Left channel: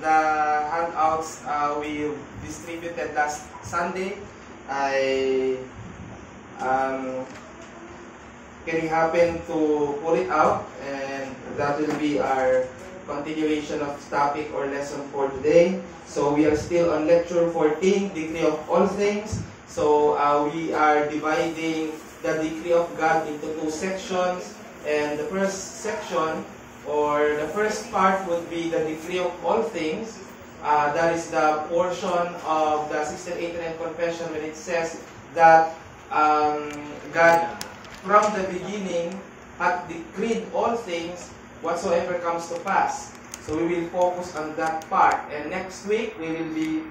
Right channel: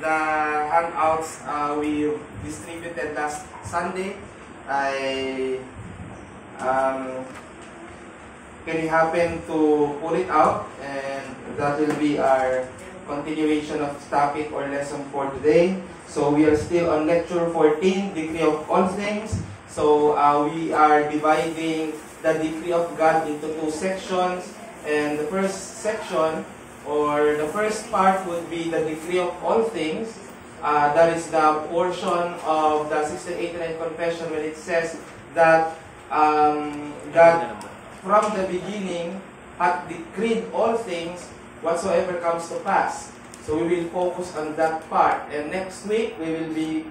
the handouts we distributed last Sunday. Can we happen to pull it out, and that will be our continuation of topic or lesson for today. So we are still on lecture 14, Decree of All Things. So we are dividing the decree of God into two sections, and the first section or the first part would be the decree of all things. That is the portion of the 1689 Confession when it says that God from the beginning hath decreed all things whatsoever comes to pass. So we will focus on that part, and next week we will be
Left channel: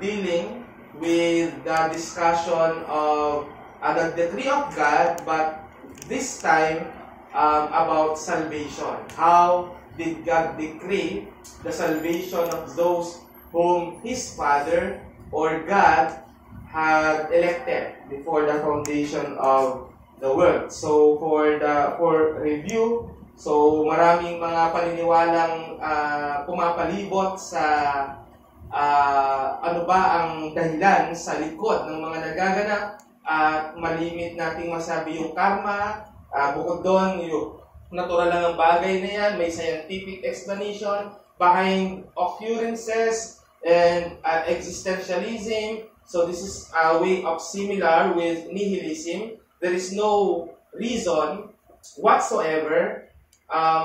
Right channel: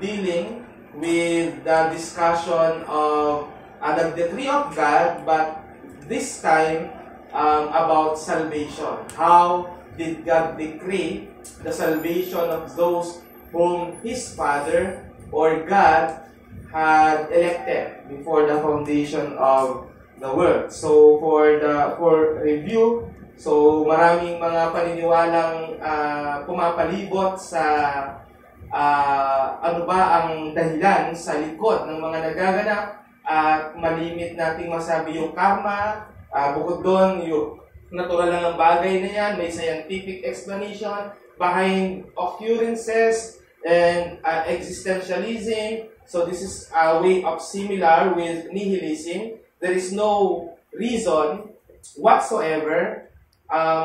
dealing with the discussion of the decree of God, but this time about salvation. How did God decree the salvation of those whom His Father or God had elected before the foundation of the world? So for review, so maraming mga paniniwalang pumapalibot sa ano ba ang dahilan sa likod ng mga nagaganap, at malimit nating masabi yung karma. Bukod doon, yung natural lang ng bagay na yan, may scientific explanation behind occurrences and existentialism. So this is a way of similar with nihilism. There is no reason whatsoever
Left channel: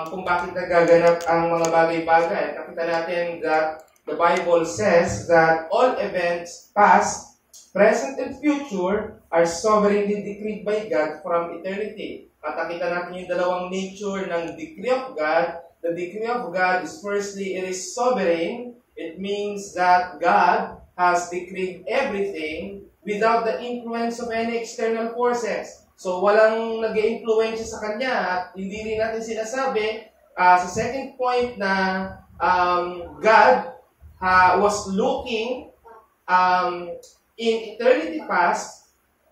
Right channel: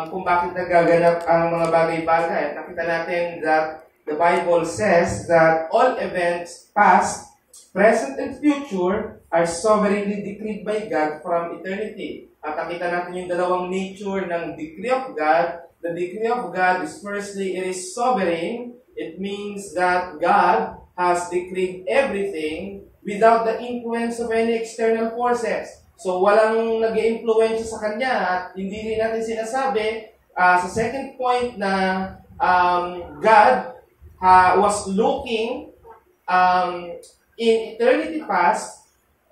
kung bakit nagaganap ang mga bagay-bagay. Nakita natin that the Bible says that all events, past, present, and future, are sovereignly decreed by God from eternity. At nakita natin yung dalawang nature ng decree of God. The decree of God is firstly, it is sovereign. It means that God has decreed everything without the influence of any external forces. So walang nag-i-influence sa Kanya, at hindi rin natin sinasabi sa second point na God was looking in eternity past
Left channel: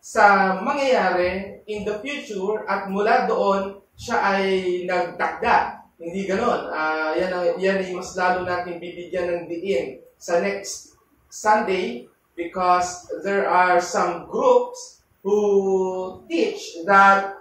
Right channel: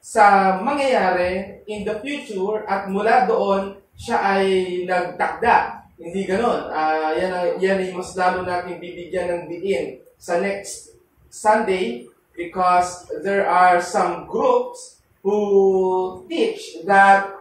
sa mangyayari in the future, at mula doon siya ay nagtakda. Hindi ganon. Yan ay mas lalo natin bibigyan ng diin sa next Sunday, because there are some groups who teach that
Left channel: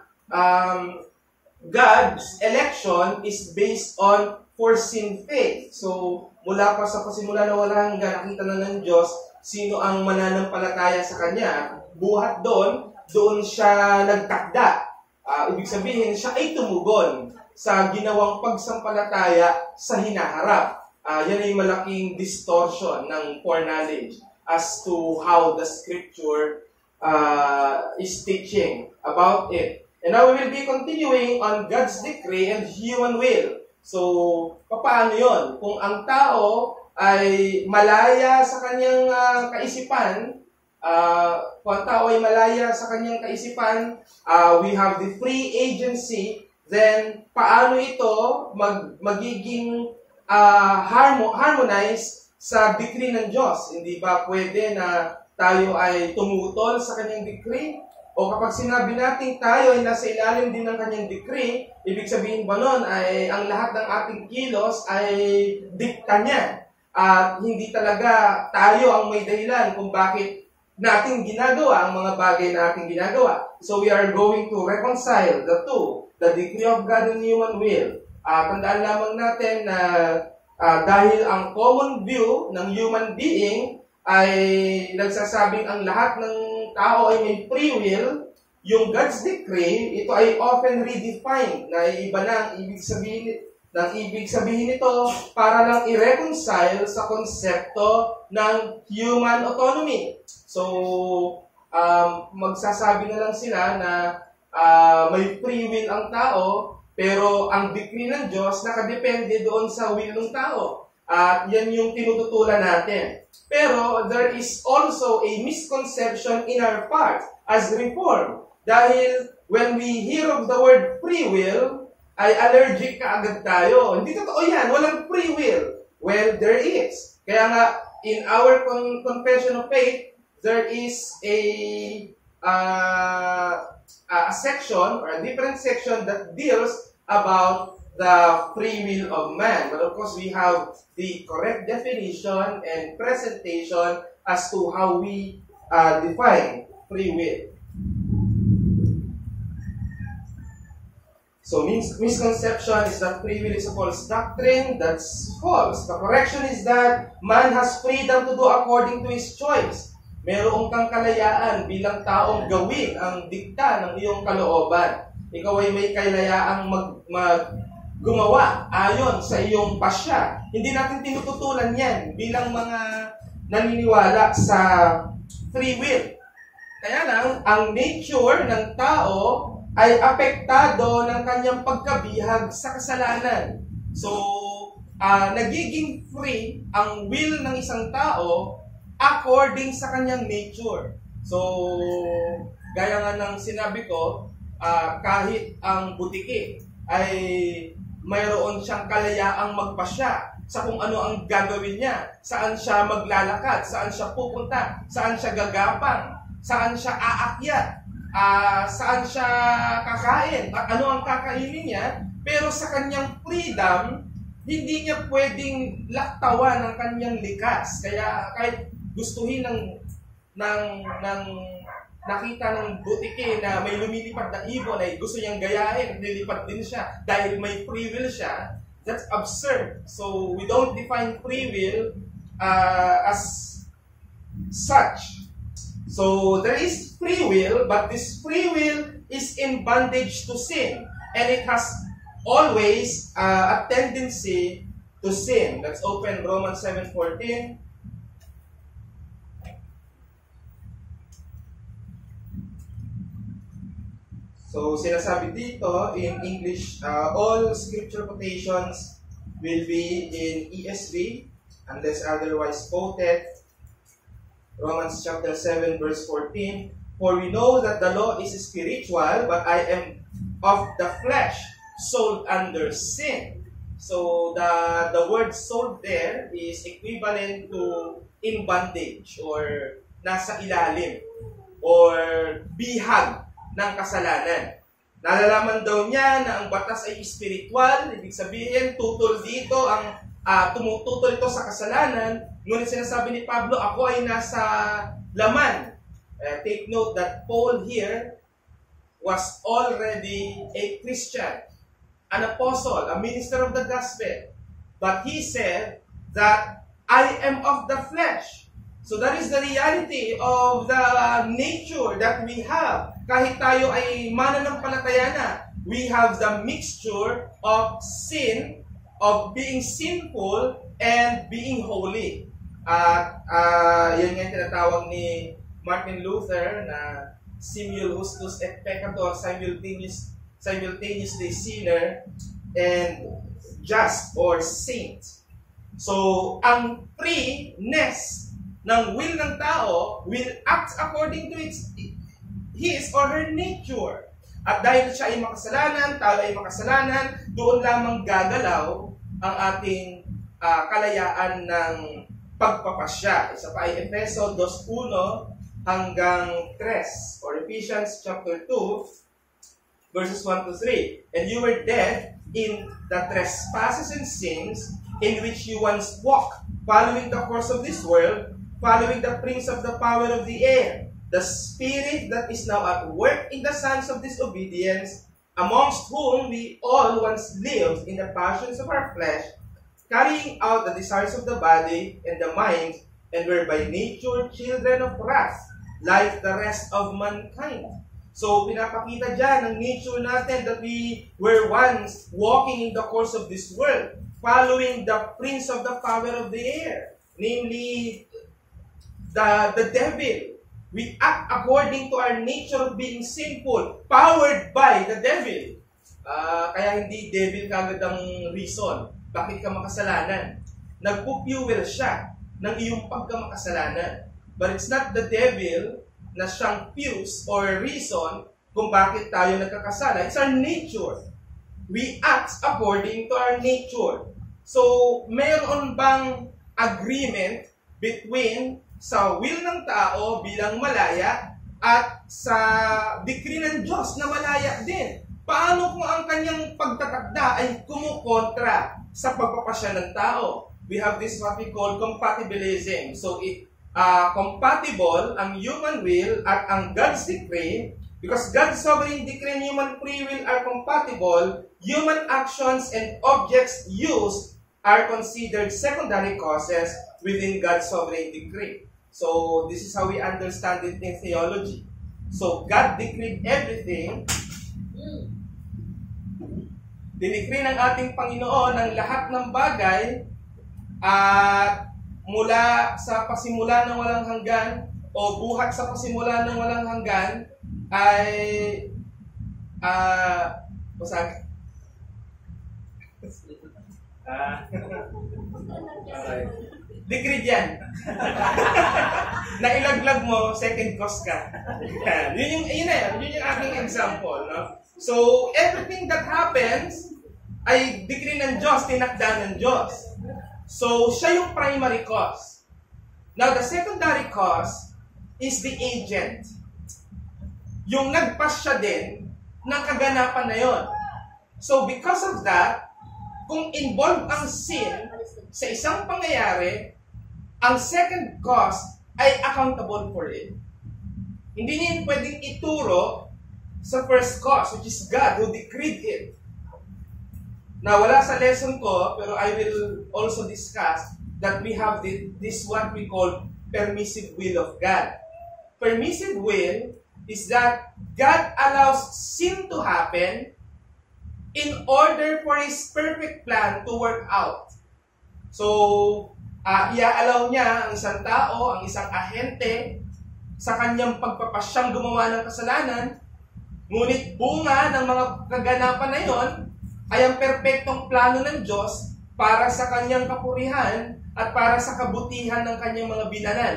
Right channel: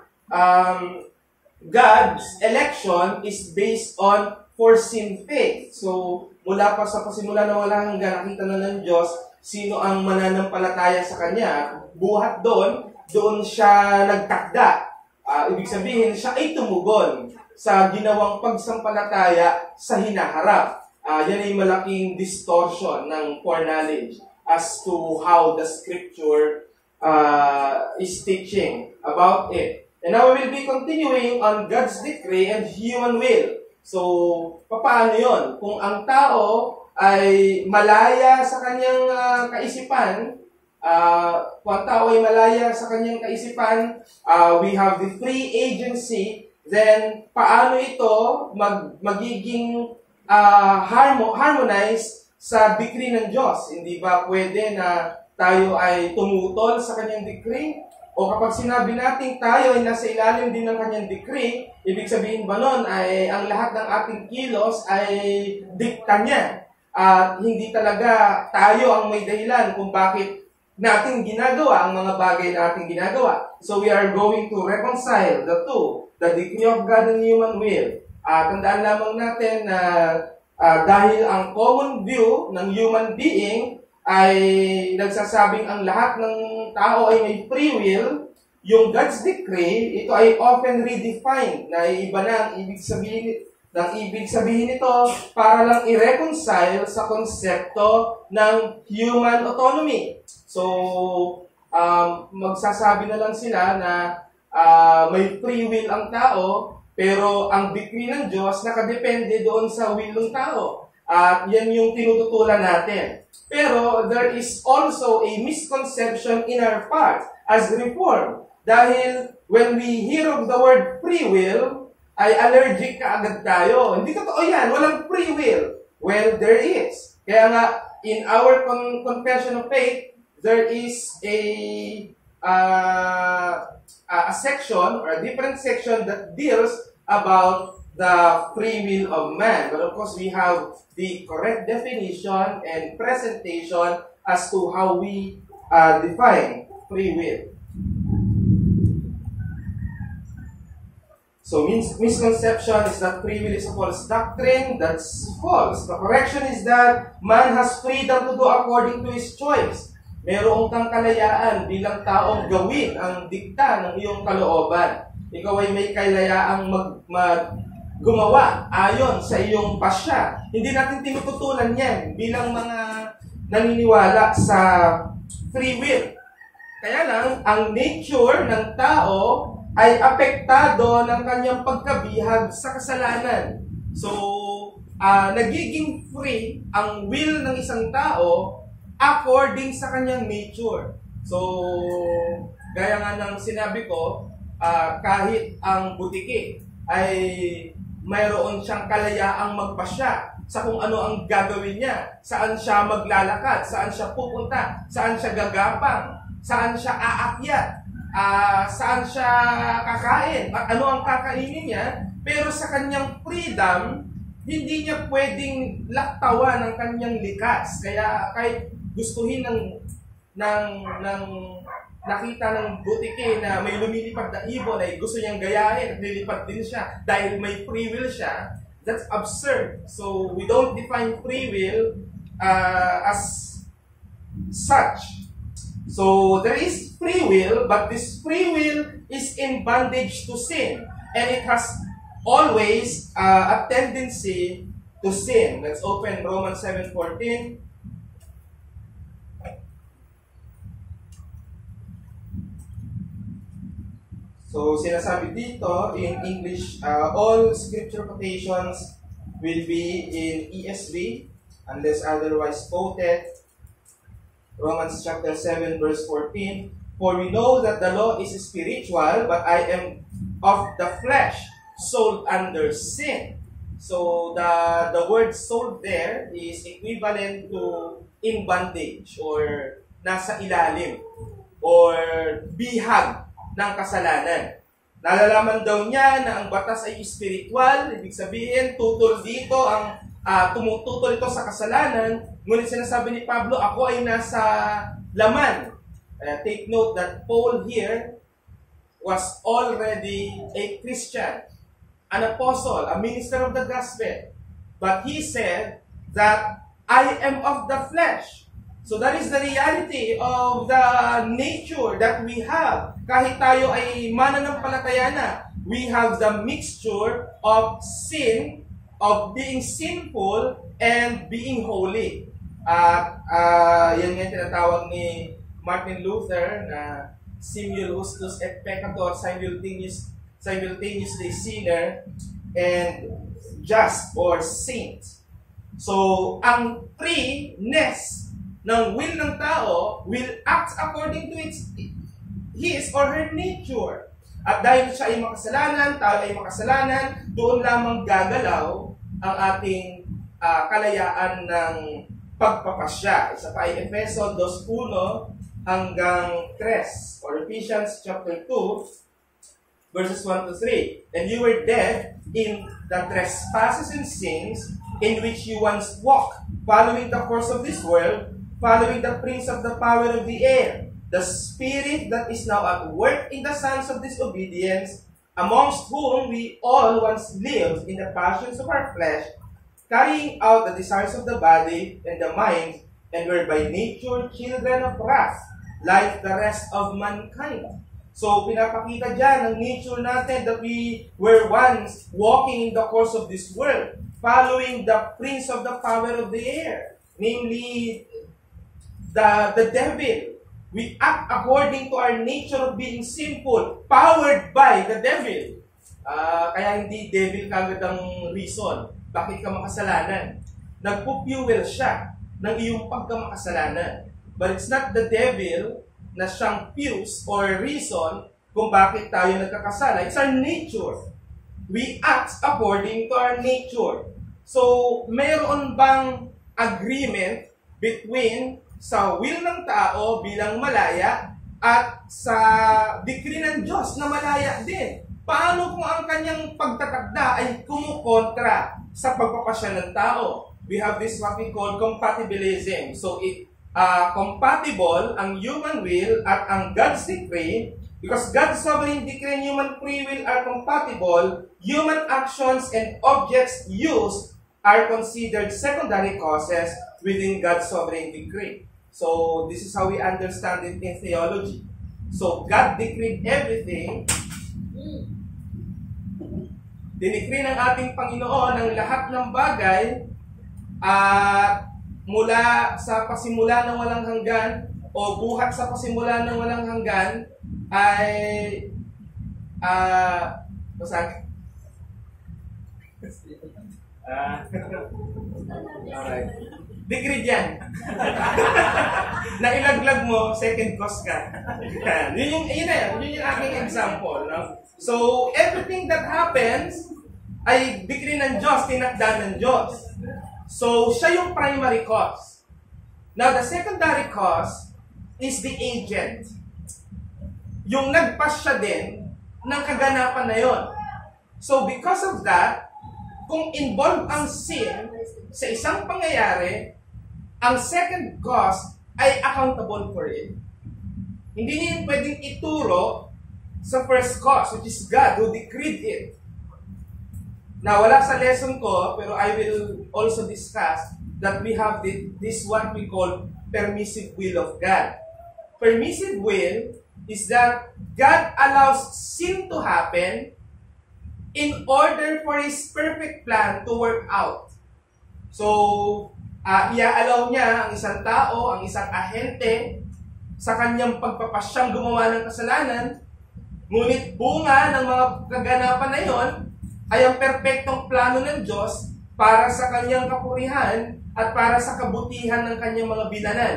God's election is based on foreseen faith. So, mula pa sa pasimula na wala hanggang nakita na ng Diyos sino ang mananampalataya sa Kanya. Buhat doon siya nagtakda. Ibig sabihin, siya ay tumugon sa ginawang pagsampalataya sa hinaharap. Yan ay malaking distortion ng foreknowledge as to how the Scripture is teaching about it. And now we will be continuing on God's decree and human will. So, paano yun? Kung ang tao ay malaya sa kanyang kaisipan, we have the free agency, then paano ito magiging harmonize sa decree ng Diyos? Hindi ba pwede na tayo ay tumutol sa kanyang decree? O kapag sinabi natin tayo ay nasa ilalim din ng kanyang decree, ibig sabihin ba nun ay ang lahat ng ating kilos ay dikta niya? At hindi talaga tayo ang may dahilan kung bakit natin ginagawa ang mga bagay na ating ginagawa. So we are going to reconcile the two, the decree of God and human will. Tandaan lamang natin na dahil ang common view ng human being ay nagsasabing ang lahat ng tao ay may free will, yung God's decree, ito ay often redefined na iba na ang ibig sabihin nito para lang i-reconcile sa konsepto ng human autonomy. So, magsasabi na lang sila na may free will ang tao, pero ang decree ng Diyos nakadepende doon sa will ng tao. At yan yung tinututulan natin. Pero there is also a misconception in our part as Reformed. Dahil when we hear of the word free will, ay allergic ka agad tayo. Hindi totoo yan. Walang free will. Well, there is. Kaya nga, in our confession of faith, there is a section or a different section that deals about the free will of man. But of course, we have the correct definition and presentation as to how we define free will. So misconception is that free will is a false doctrine. That's false. The correction is that man has freedom to do according to his choice. Meron kang kalayaan bilang taong gawin ang dikta ng iyong kalooban. Ikaw ay may kalayaang gumawa ayon sa iyong pasya. Hindi natin tinututulan yan bilang mga naniniwala sa free will. Kaya lang, ang nature ng tao ay apektado ng kanyang pagkabihag sa kasalanan. So, nagiging free ang will ng isang tao according sa kanyang nature. So, gaya nga ng sinabi ko, kahit ang butiki ay mayroon siyang kalayaang magpasya sa kung ano ang gagawin niya, saan siya maglalakad, saan siya pupunta, saan siya gagapang, saan siya aakyat, saan siya kakain, at ano ang kakainin niya, pero sa kanyang freedom, hindi niya pwedeng laktawan ng kanyang likas. Kaya kahit gustuhin ng nakita ng butike na may lumilipad na ibon ay gusto niyang gayahin at lilipad din siya dahil may free will siya, that's absurd. So we don't define free will as such. So there is free will, but this free will is in bondage to sin, and it has always a tendency to sin. Let's open Romans 7:14. So sinasabi dito in English, all scripture quotations will be in ESV unless otherwise quoted. Romans chapter 7 verse 14, for we know that the law is spiritual, but I am of the flesh, sold under sin. So the word sold there is equivalent to in bondage or nasa ilalim or bihag ng kasalanan. Nalalaman daw niya na ang batas ay spiritual, ibig sabihin tutol dito ang tumututol ito sa kasalanan, ngunit sinasabi ni Pablo, ako ay nasa laman. Take note that Paul here was already a Christian, an apostle, a minister of the gospel. But he said that I am of the flesh. So that is the reality of the nature that we have. Kahit tayo ay mananampalataya na, we have the mixture of sin, of being sinful and being holy. Yan nga tinatawag ni Martin Luther na simul justus et peccator, simultaneously sinner and just or saint. So, ang freeness ng will ng tao will act according to his or her nature. At dahil siya ay makasalanan, tayo ay makasalanan, doon lamang gagalaw ang ating kalayaan ng pagpapasya. Isa pa ay Efeso 2:1 hanggang 3, or Ephesians chapter 2, verses 1 to 3. And you were dead in the trespasses and sins in which you once walked, following the course of this world, following the prince of the power of the air, the spirit that is now at work in the sons of disobedience, amongst whom we all once lived in the passions of our flesh, carrying out the desires of the body and the mind, and were by nature children of wrath, like the rest of mankind. So, pinapakita dyan ang nature natin that we were once walking in the course of this world, following the prince of the power of the air, namely the devil. We act according to our nature of being sinful, powered by the devil. Kaya hindi devil kagad ang reason bakit ka makasalanan. Nagpo-fuel siya ng iyong pagkamakasalanan. But it's not the devil na siyang fuse or reason kung bakit tayo nagkakasala. It's our nature. We act according to our nature. So, meron bang agreement between sa will ng tao bilang malaya at sa decree ng Diyos na malaya din? Paano kung ang kanyang pagtatakda ay kumukontra sa pagpapasya ng tao? We have this what we call compatibilism. So, compatible ang human will at ang God's decree. Because God's sovereign decree and human free will are compatible, human actions and objects used are considered secondary causes within God's sovereign decree. So, this is how we understand it in theology. So, God decreed everything. Dinikri ng ating Panginoon ang lahat ng bagay at mula sa pasimula ng walang hanggan o buhat sa pasimula ng walang hanggan ay alright. Decreed yan. Nailaglag mo, second cause ka. Yun yung aking example. No? So, everything that happens ay decree ng Diyos, tinakda ng Diyos. So, siya yung primary cause. Now, the secondary cause is the agent. Yung nagpasya din ng kaganapan na yon. So, because of that, kung involved ang sin sa isang pangyayari, ang second cause ay accountable for it. Hindi niya pwedeng ituro sa first cause, which is God who decreed it. Now, wala sa lesson ko, pero I will also discuss that we have this what we call permissive will of God. Permissive will is that God allows sin to happen in order for His perfect plan to work out. So, i-allow niya ang isang tao, ang isang ahente, sa kanyang pagpapasyang gumawa ng kasalanan, ngunit bunga ng mga kaganapan na yon ay ang perpektong plano ng Diyos para sa kanyang kapurihan at para sa kabutihan ng kanyang mga binanan.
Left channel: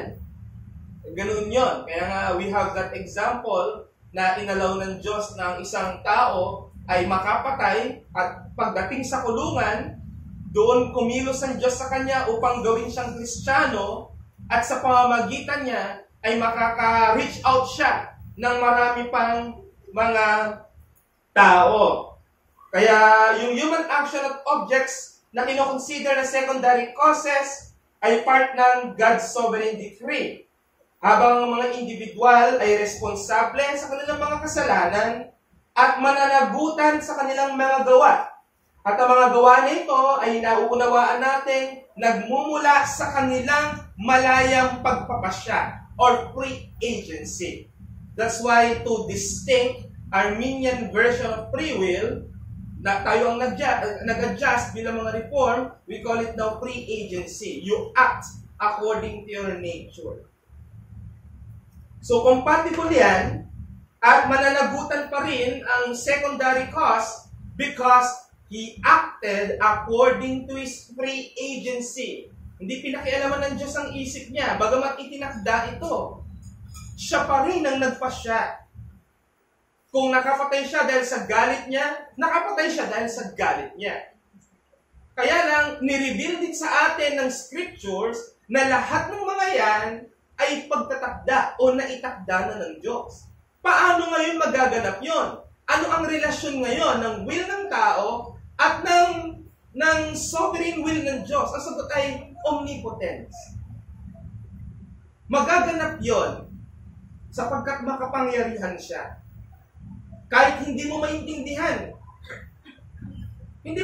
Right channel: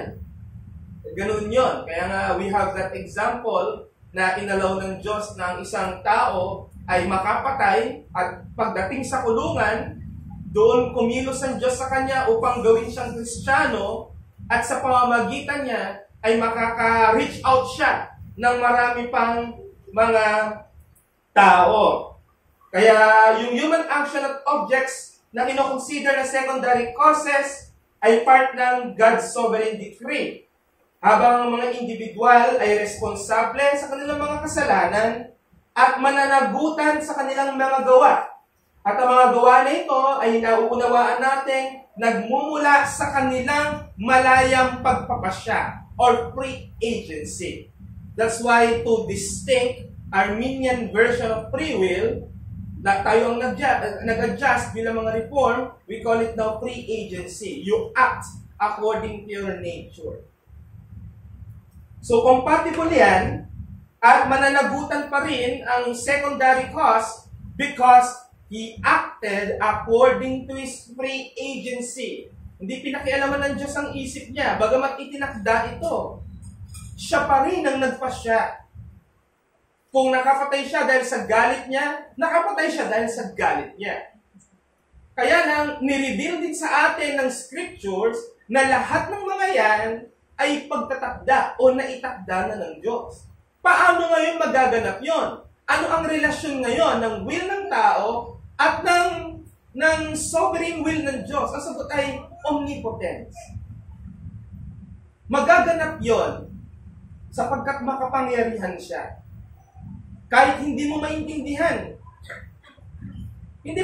Ganun yon. Kaya nga, we have that example na inalaw ng Diyos na ang isang tao ay makapatay at pagdating sa kulungan, doon kumilos ang Diyos sa kanya upang gawin siyang Kristiyano at sa pamamagitan niya ay makaka-reach out siya ng marami pang mga tao. Kaya yung human action at objects na ino-consider na secondary causes ay part ng God's sovereign decree. Habang ang mga individual ay responsable sa kanilang mga kasalanan at mananagutan sa kanilang mga gawa. At ang mga gawa nito ay nauunawaan natin nagmumula sa kanilang malayang pagpapasya or free agency. That's why to distinct Arminian version of free will, na tayo ang nag-adjust bilang mga reform, we call it now free agency. You act according to your nature. So compatible yan at mananagutan pa rin ang secondary cause because He acted according to His free agency. Hindi pinakialaman ng Diyos ang isip niya. Bagamat itinakda ito, siya pa rin ang nagpasya. Kung nakapatay siya dahil sa galit niya, nakapatay siya dahil sa galit niya. Kaya lang, nireveal din sa atin ng scriptures na lahat ng mga yan ay pagtatakda o naitakda na ng Diyos. Paano ngayon magaganap yon? Ano ang relasyon ngayon ng will ng tao at ng sovereign will ng Diyos? Ang sagot ay omnipotence. Magaganap yon sapagkat makapangyarihan siya. Kahit hindi mo maintindihan. Hindi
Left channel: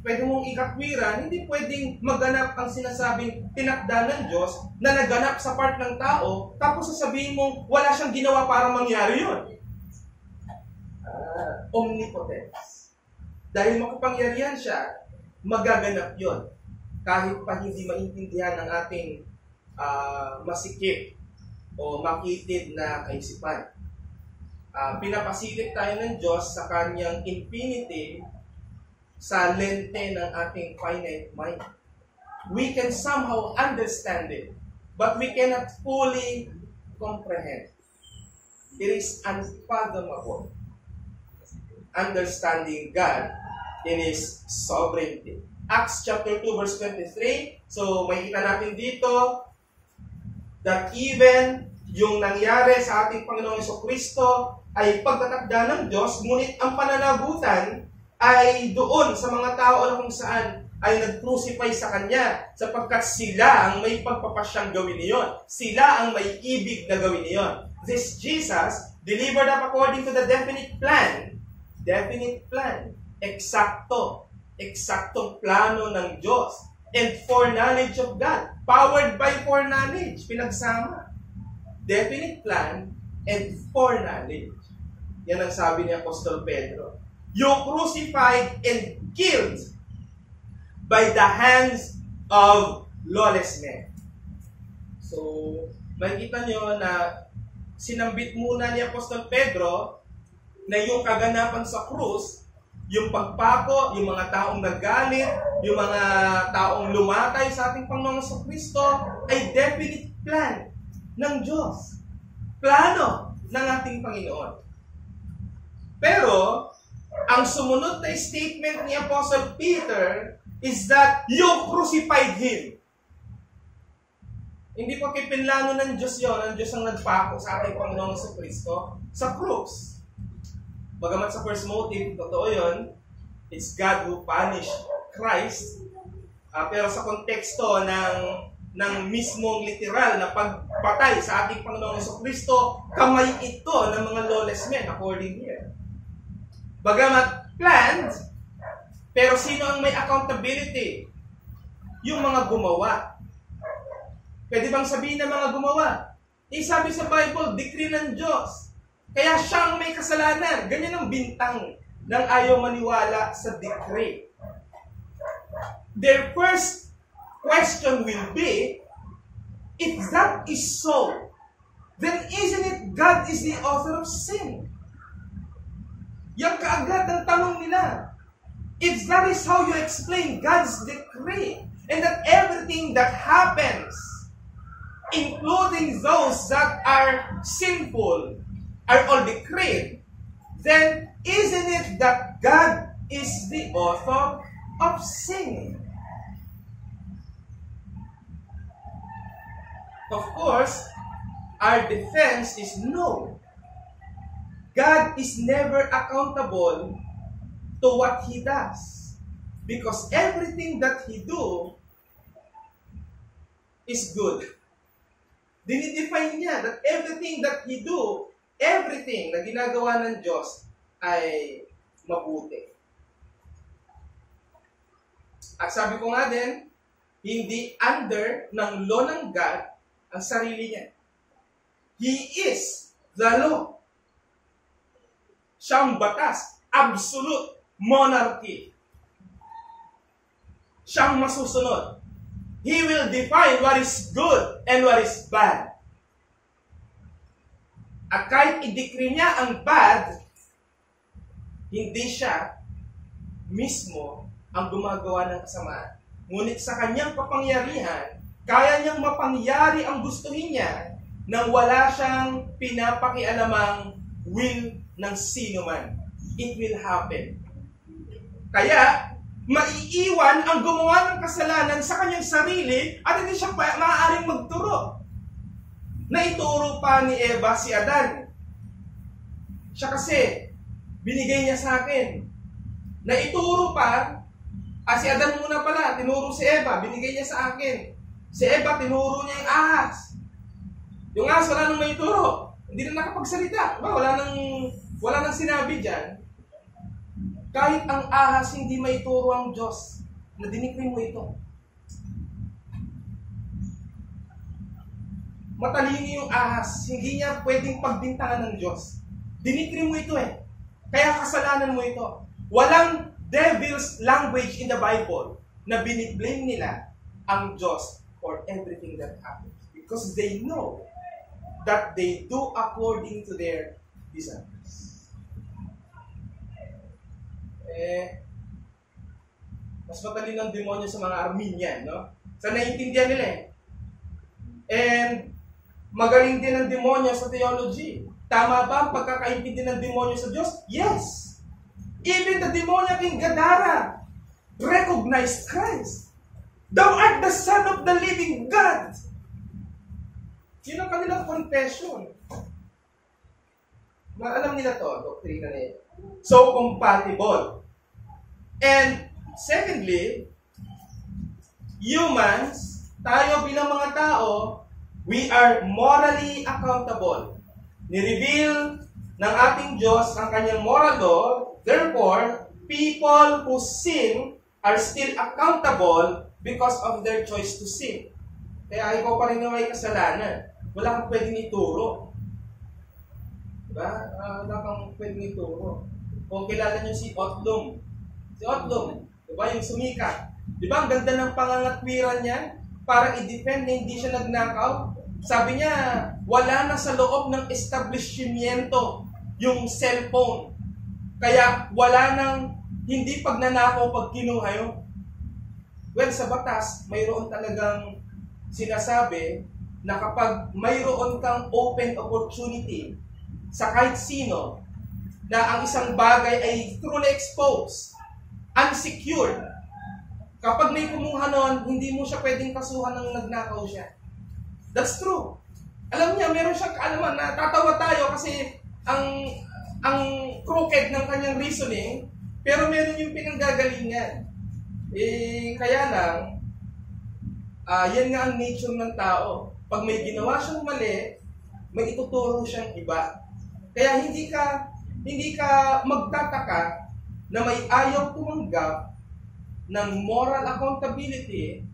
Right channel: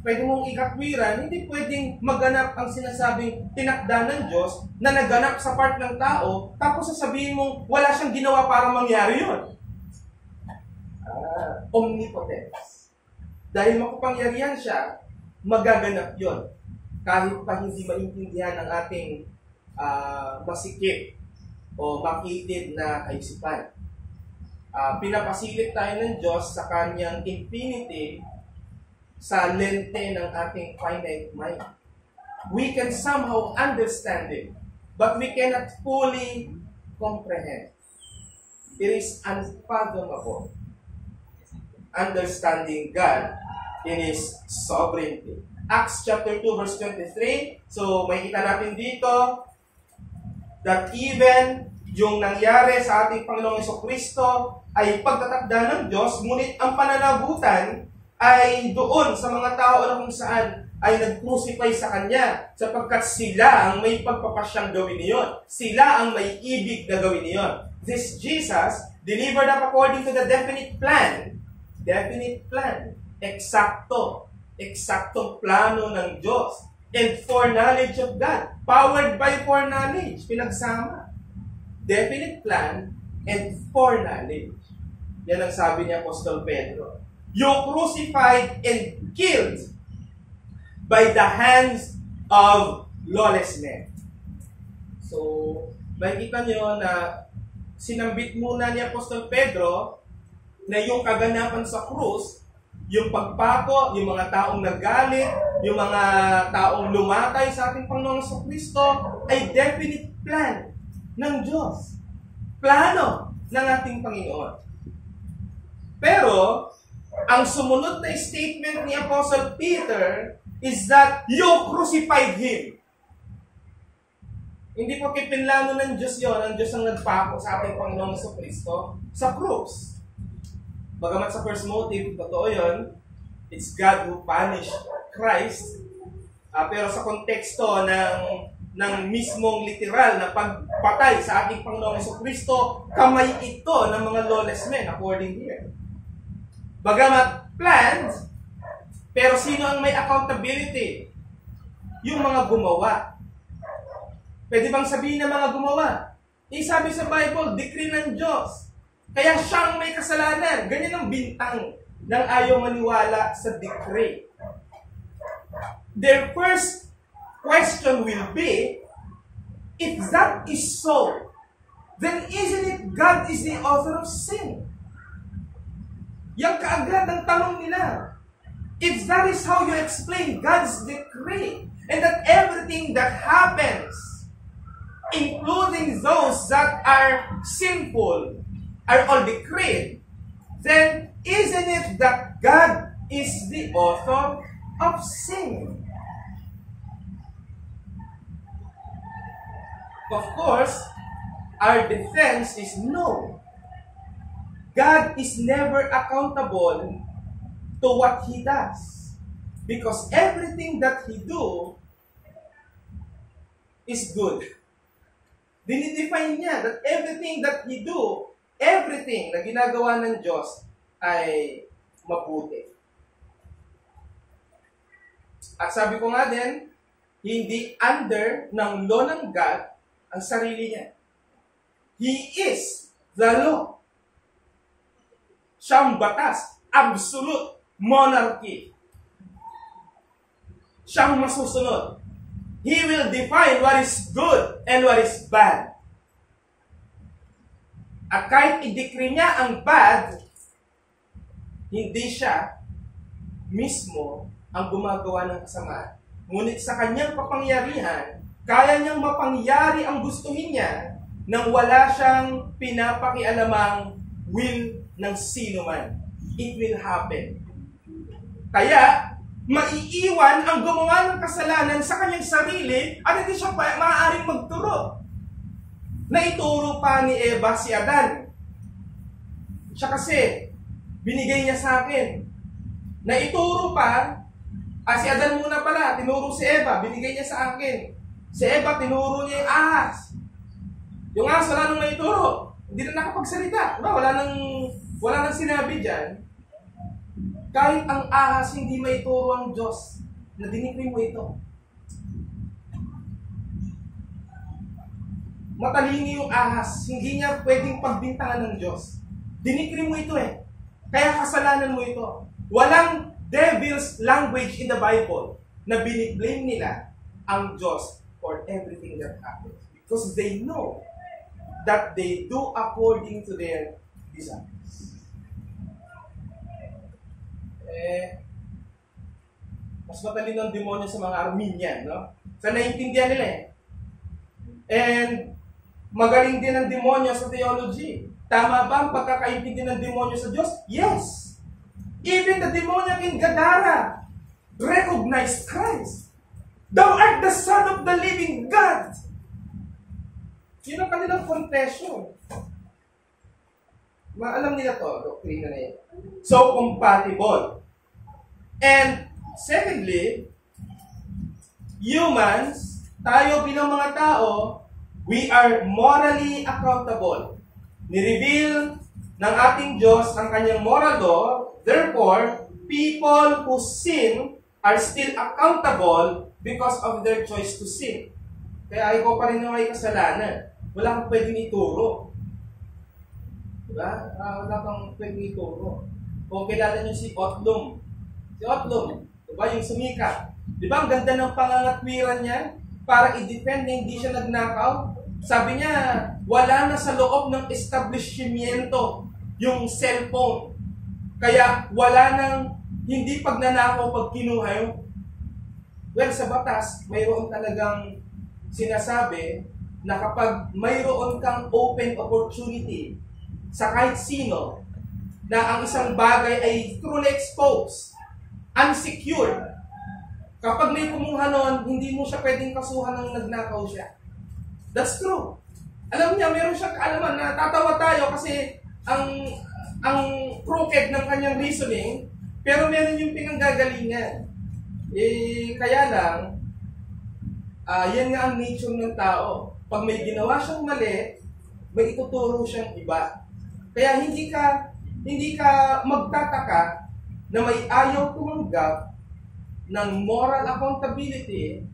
pwede mong ikatwiran, hindi pwedeng maganap ang sinasabing tinakda ng Diyos na naganap sa part ng tao, tapos sasabihin mong wala siyang ginawa para mangyari yun. Omnipotence. Dahil makapangyarihan siya, magaganap yon kahit pa hindi maintindihan ng ating masikip o makitid na kaisipan. Pinapasilip tayo ng Diyos sa kanyang infinity sa lente ng ating finite mind. We can somehow understand it, but we cannot fully comprehend. It is unfathomable. Understanding God in His sovereignty. Acts chapter 2 verse 23. So, makikita natin dito that even yung nangyari sa ating Panginoong Jesucristo ay pagtatakda ng Diyos, ngunit ang pananagutan ay doon sa mga tao na kung saan ay nag-crucify sa Kanya sapagkat sila ang may pagpapasyang gawin niyon. Sila ang may ibig na gawin niyon. This Jesus, delivered up according to the definite plan, eksaktong plano ng Diyos, and foreknowledge of God, powered by foreknowledge, pinagsama. Definite plan and foreknowledge. Yan ang sabi ni Apostol Pedro. You crucified and killed by the hands of lawless men. So, makikita nyo na sinambit muna ni Apostol Pedro na yung kaganapan sa krus, yung pagpako, yung mga taong nagalit, yung mga taong lumatay sa ating Panginoong Jesucristo ay definite plan ng Diyos. Plano ng ating Panginoon. Pero, ang sumunod na statement ni Apostle Peter is that you crucified Him. Hindi po pinlano ng Diyos yun. Ang Diyos ang nagpako sa ating Panginoong Jesucristo sa krus. Bagamat sa first motive, totoo yun, it's God who punished Christ. Pero sa konteksto ng mismong literal na pagpatay sa ating Panginoong Jesucristo, kamay ito ng mga lawless men, according here. Bagamat planned, pero sino ang may accountability? Yung mga gumawa. Pwede bang sabihin ng mga gumawa? Sabi sa Bible, decree ng Diyos. Kaya siyang may kasalanan. Ganyan ang bintang ng ayaw maniwala sa decree. Their first question will be, if that is so, then isn't it God is the author of sin? Yang kaagad ang tanong nila. If that is how you explain God's decree, and that everything that happens, including those that are sinful, are all decreed, then isn't it that God is the author of sin? Of course, our defense is no. God is never accountable to what He does. Because everything that He do is good. Dinidefine niya that everything that He do, everything na ginagawa ng Diyos ay mabuti. At sabi ko nga din, hindi under ng law ng God ang sarili niya. He is the law. Siyang batas, absolute monarchy. Siyang masusunod. He will define what is good and what is bad. At kahit i-decree niya ang bad, hindi siya mismo ang gumagawa ng kasamaan. Ngunit sa kanyang kapangyarihan, kaya niyang mapangyari ang gustuhin niya nang wala siyang pinapakialamang will ng sino man. It will happen. Kaya, maiiwan ang gumawa ng kasalanan sa kanyang sarili at hindi siya maaaring magturo. Naituro pa ni Eva si Adan. Siya kasi, binigay niya sa akin. Naituro pa, si Adan muna pala, tinuro si Eva, binigay niya sa akin. Si Eva, tinuro niya yung ahas. Yung ahas, wala nang maituro. Hindi na nakapagsalita. Wala nang sinabi dyan. Kahit ang ahas hindi maituro ang Diyos na dinikri mo ito. Matalino yung ahas, hindi niya pwedeng pagbintangan ng Diyos. Dinikri mo ito eh. Kaya kasalanan mo ito. Walang devil's language in the Bible na biniblame nila ang Diyos for everything that happens. Because they know that they do according to their desires. Mas matalino ang demonyo sa mga Armenian, no? Sa naiintindihan nila eh. And magaling din ang demonyo sa theology. Tama ba ang pagkakaintindi ng demonyo sa Diyos? Yes! Even the demoniac in Gadara recognized Christ. Thou art the Son of the living God. Yun ang kanilang confession. Alam nila to, doktrina na yun. So, compatible. And secondly, humans, tayo bilang mga tao, we are morally accountable. Ni-reveal ng ating Diyos ang kanyang moral law. Therefore, people who sin are still accountable because of their choice to sin. Kaya ikaw pa rin na may kasalanan. Wala kang pwedeng ituro. Diba? Wala kang pwedeng ituro. Kung kilala nyo si Otlum. Si Otlum, diba? Yung sumikat. Diba? Ang ganda ng pangangatwiran niya para i-defend na hindi siya nagnakaw. Sabi niya, wala na sa loob ng establishmento yung cellphone. Kaya wala nang hindi pagnanakaw pag kinuha yun. Well, sa batas, mayroon talagang sinasabi na kapag mayroon kang open opportunity sa kahit sino na ang isang bagay ay truly exposed, unsecured, kapag may kumuha nun, hindi mo siya pwedeng kasuhan ng nagnakaw siya. That's true. Alam niya, meron siyang kaalaman na tatawa tayo kasi ang crooked ng kanyang reasoning, pero meron yung pinanggagalingan. Kaya lang, yan nga ang nature ng tao. Pag may ginawa siyang mali, may ituturo siyang iba. Kaya hindi ka magtataka na may ayaw tumanggap ng moral accountability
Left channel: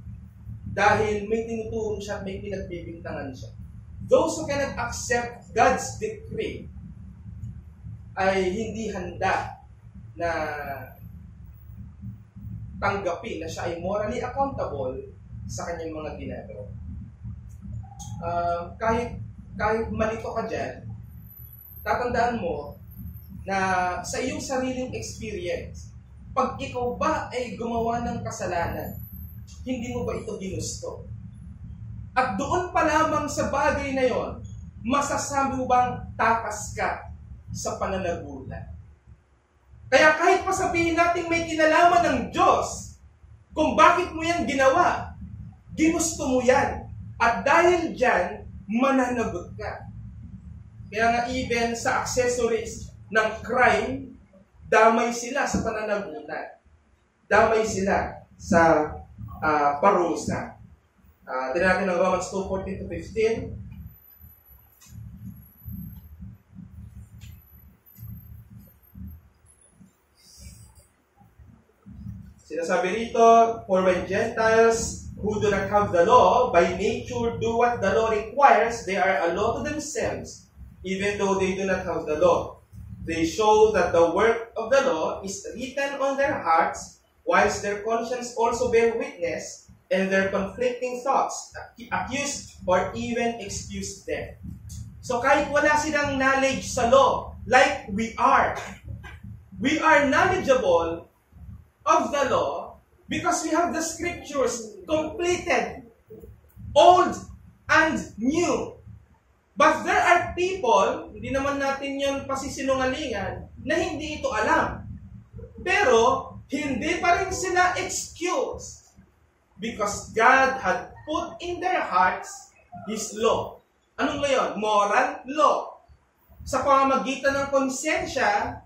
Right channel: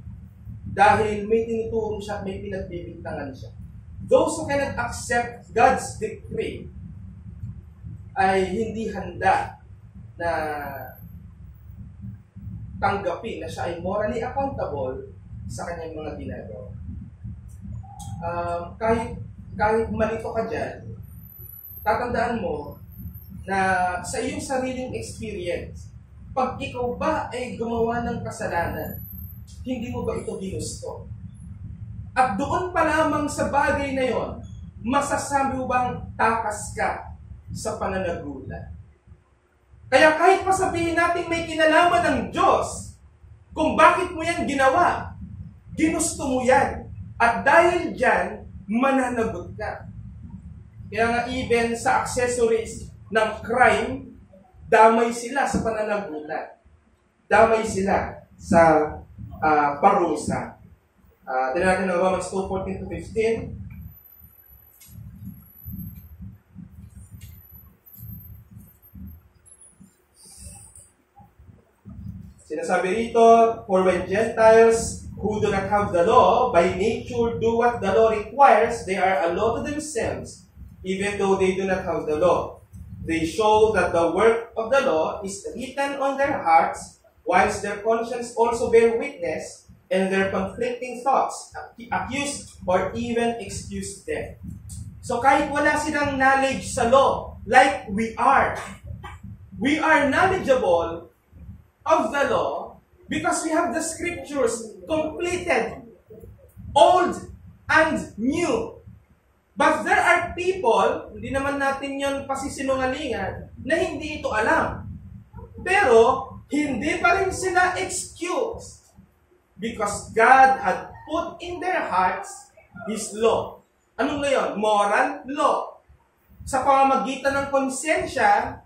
dahil may tinuturo siya at may pinagbibintangan siya. Those who cannot accept God's decree ay hindi handa na tanggapin na siya ay morally accountable sa kanyang mga ginagawa. Kahit malito ka dyan, tatandaan mo na sa iyong sariling experience, pag ikaw ba ay gumawa ng kasalanan, hindi mo ba ito ginusto? At doon pa lamang sa bagay na yon, masasabi mo bang takas ka sa pananagutan? Kaya kahit pa sabihin natin may kinalaman ng Diyos, kung bakit mo yan ginawa, ginusto mo yan. At dahil dyan, mananagot ka. Kaya nga even sa accessories ng crime, damay sila sa pananagutan. Damay sila sa parusa. Tignan natin ng Romans 2:14-15. Sinasabi rito, for when Gentiles who do not have the law, by nature do what the law requires, they are a law to themselves, even though they do not have the law. They show that the work of the law is written on their hearts, whilst their conscience also bear witness, and their conflicting thoughts accuse or even excuse them. So kahit wala silang knowledge sa law, like we are knowledgeable of the law because we have the scriptures completed, old and new. But there are people, hindi naman natin yon pasisinungalingan, na hindi ito alam. Pero, hindi pa rin sila excuse. Because God had put in their hearts His law. Anong law yun? Moral law. Sa pamamagitan ng konsensya,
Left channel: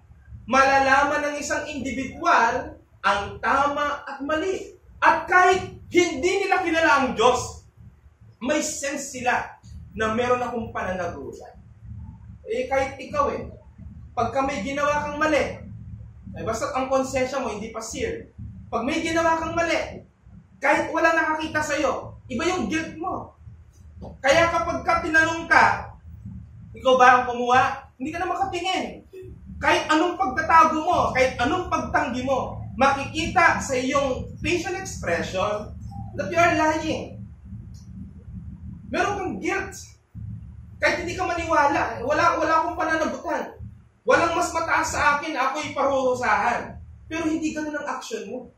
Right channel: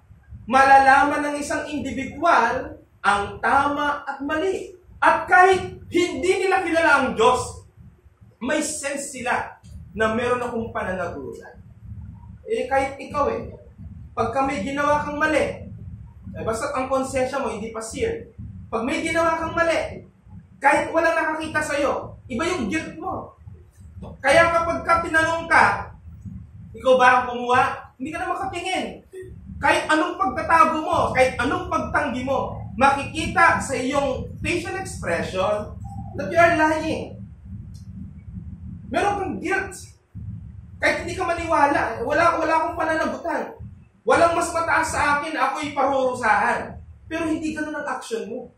malalaman ng isang individual ang tama at mali. At kahit hindi nila kilala ang Diyos, may sense sila na meron akong pananagutan. Kahit ikaw pagka may ginawa kang mali, basta ang konsensya mo hindi pa seared. Pag may ginawa kang mali, kahit wala nakakita sa'yo, iba yung guilt mo. Kaya kapag tinanong ka, ikaw ba ang kumuha? Hindi ka na makatingin. Kahit anong pagtatago mo, kahit anong pagtanggi mo, makikita sa iyong facial expression that you are lying. Meron kang guilt. Kahit hindi ka maniwala, wala akong pananagutan. Walang mas mataas sa akin, ako'y parurusahan. Pero hindi ganun ang action mo.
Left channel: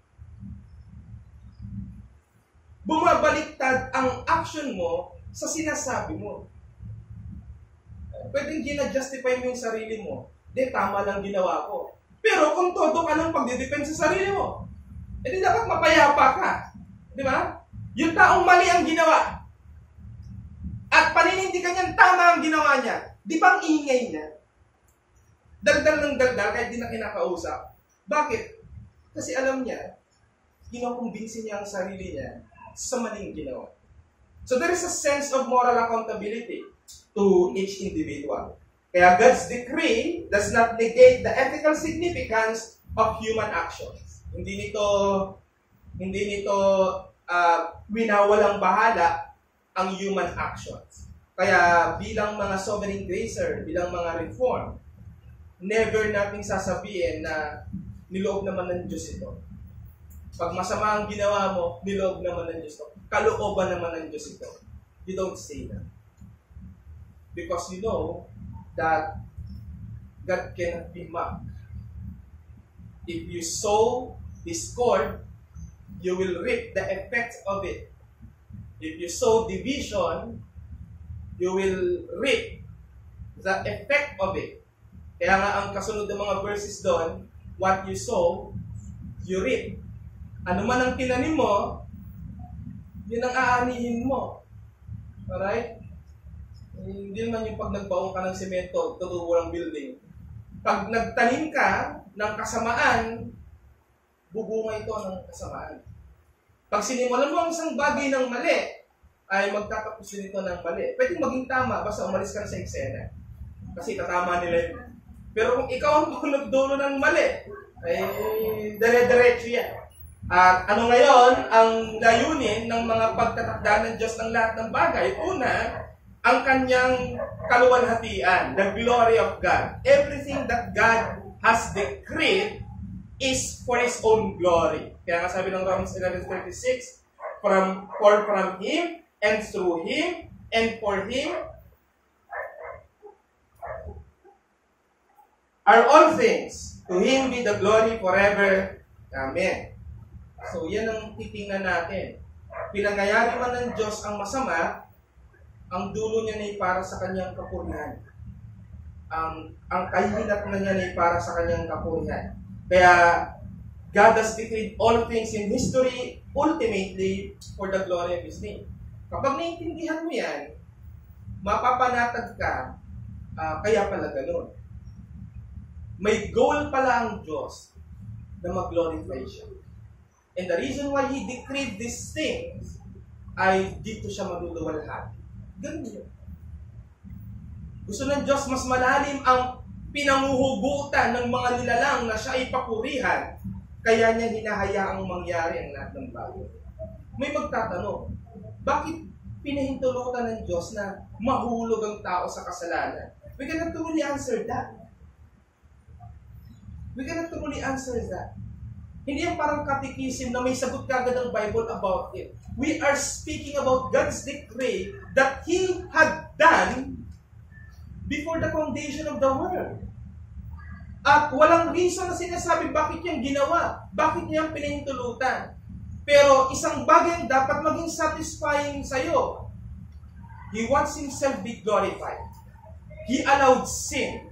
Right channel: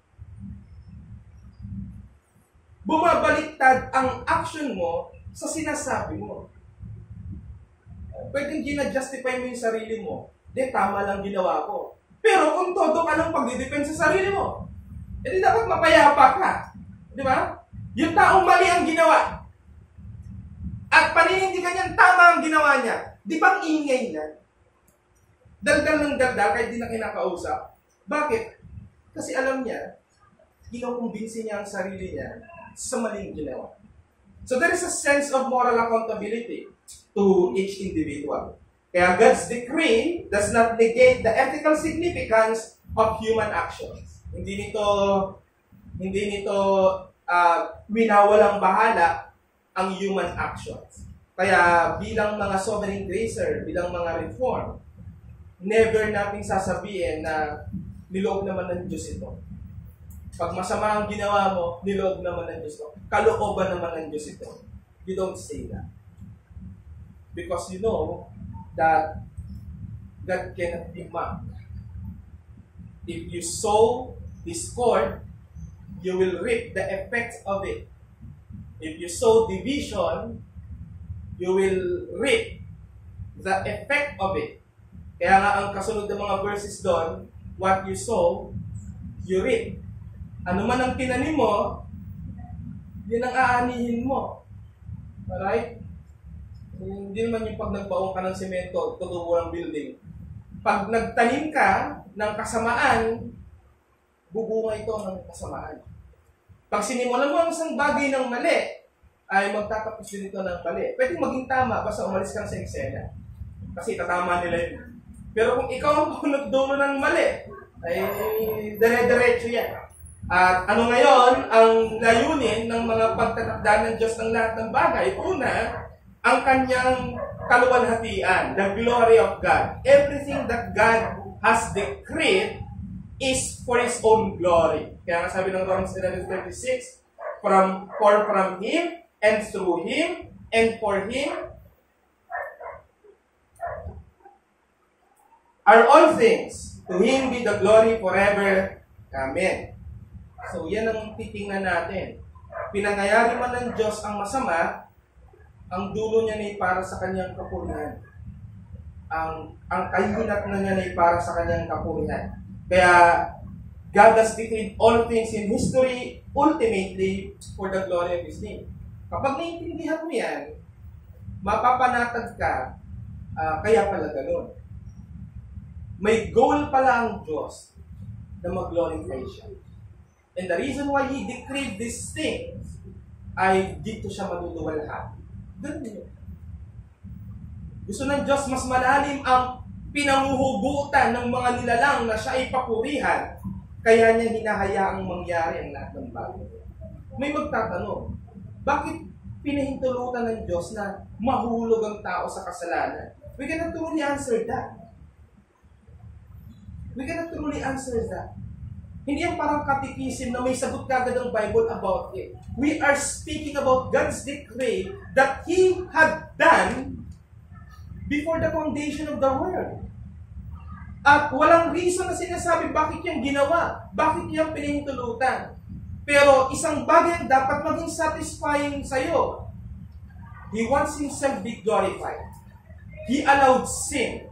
Bumabaliktad ang action mo sa sinasabi mo. Pwedeng gina-justify mo yung sarili mo. Tama lang ginawa ko. Pero kung todo ka ng pagdidepend sa sarili mo, edi dapat mapayapa ka. Di ba? Yung taong mali ang ginawa. At paninindigan niyan, tama ang ginawa niya. Di ba ang ingay niya? Daldal ng daldal kahit di na kinakausap. Bakit? Kasi alam niya, kinukumbinsi niya ang sarili niya sa maling ginawa. So there is a sense of moral accountability to each individual. Kaya God's decree does not negate the ethical significance of human actions. Hindi nito winawalang bahala ang human actions. Kaya bilang mga sovereign gracer, bilang mga reform, never nating sasabihin na niloob naman ng Diyos ito. Pag masama ang ginawa mo, niloob naman ng Diyos ito. Kalooban naman ng Diyos ito. You don't say that. Because you know that God cannot be mocked. If you sow discord, you will reap the effects of it. If you sow division, you will reap the effect of it. Kaya nga ang kasunod ng mga verses doon, what you sow, you reap. Ano man ang tinanim mo, yun ang aanihin mo. Alright? Hindi naman yung pag nagbaong ka ng semento, tutubo ng building. Pag nagtanim ka ng kasamaan, bubunga ito ng kasamaan. Pag sinimulan mo ang isang bagay ng mali, ay magtatapos din ito ng mali. Pwede maging tama, basta umalis ka na sa eksena. Kasi tatama nila yun. Pero kung ikaw ang nagdulo ng mali, ay dire-diretso yan. At ano ngayon, ang layunin ng mga pagtatakda ng Diyos ng lahat ng bagay? Una, ang kanyang kaluwalhatian, the glory of God. Everything that God has decreed is for His own glory. Kaya nga sabi ng Romans 11:36, from Him, and through Him, and for Him, are all things. To Him be the glory forever. Amen. So, yan ang titingnan natin. Pinangyayari man ng Diyos ang masama, ang dulo niya ay para sa kanyang kapurihan. Ang kahihinat na niya ay para sa kanyang kapurihan. Kaya, God has decreed all things in history ultimately for the glory of His name. Kapag naiintindihan mo yan, mapapanatag ka, kaya pala ganun. May goal pala ang Diyos na mag-glorify siya. And the reason why He decreed these things ay dito siya maluluwalhati. Ganun yun. Gusto ng Diyos mas malalim ang pinanguhugutan ng mga nilalang na siya ay papurihan, kaya niya hinahayaang mangyari ang lahat ng bagay. May magtatanong, bakit pinahintulutan ng Diyos na mahulog ang tao sa kasalanan? We cannot truly answer that. We cannot truly answer that. Hindi yan parang katikisim na may sagot kagad ang Bible about it. We are speaking about God's decree that He had done before the foundation of the world. At walang reason na sinasabi bakit yung ginawa, bakit niya pinahintulutan. Pero isang bagay ang dapat maging satisfying sa'yo. He wants Himself be glorified. He allowed sin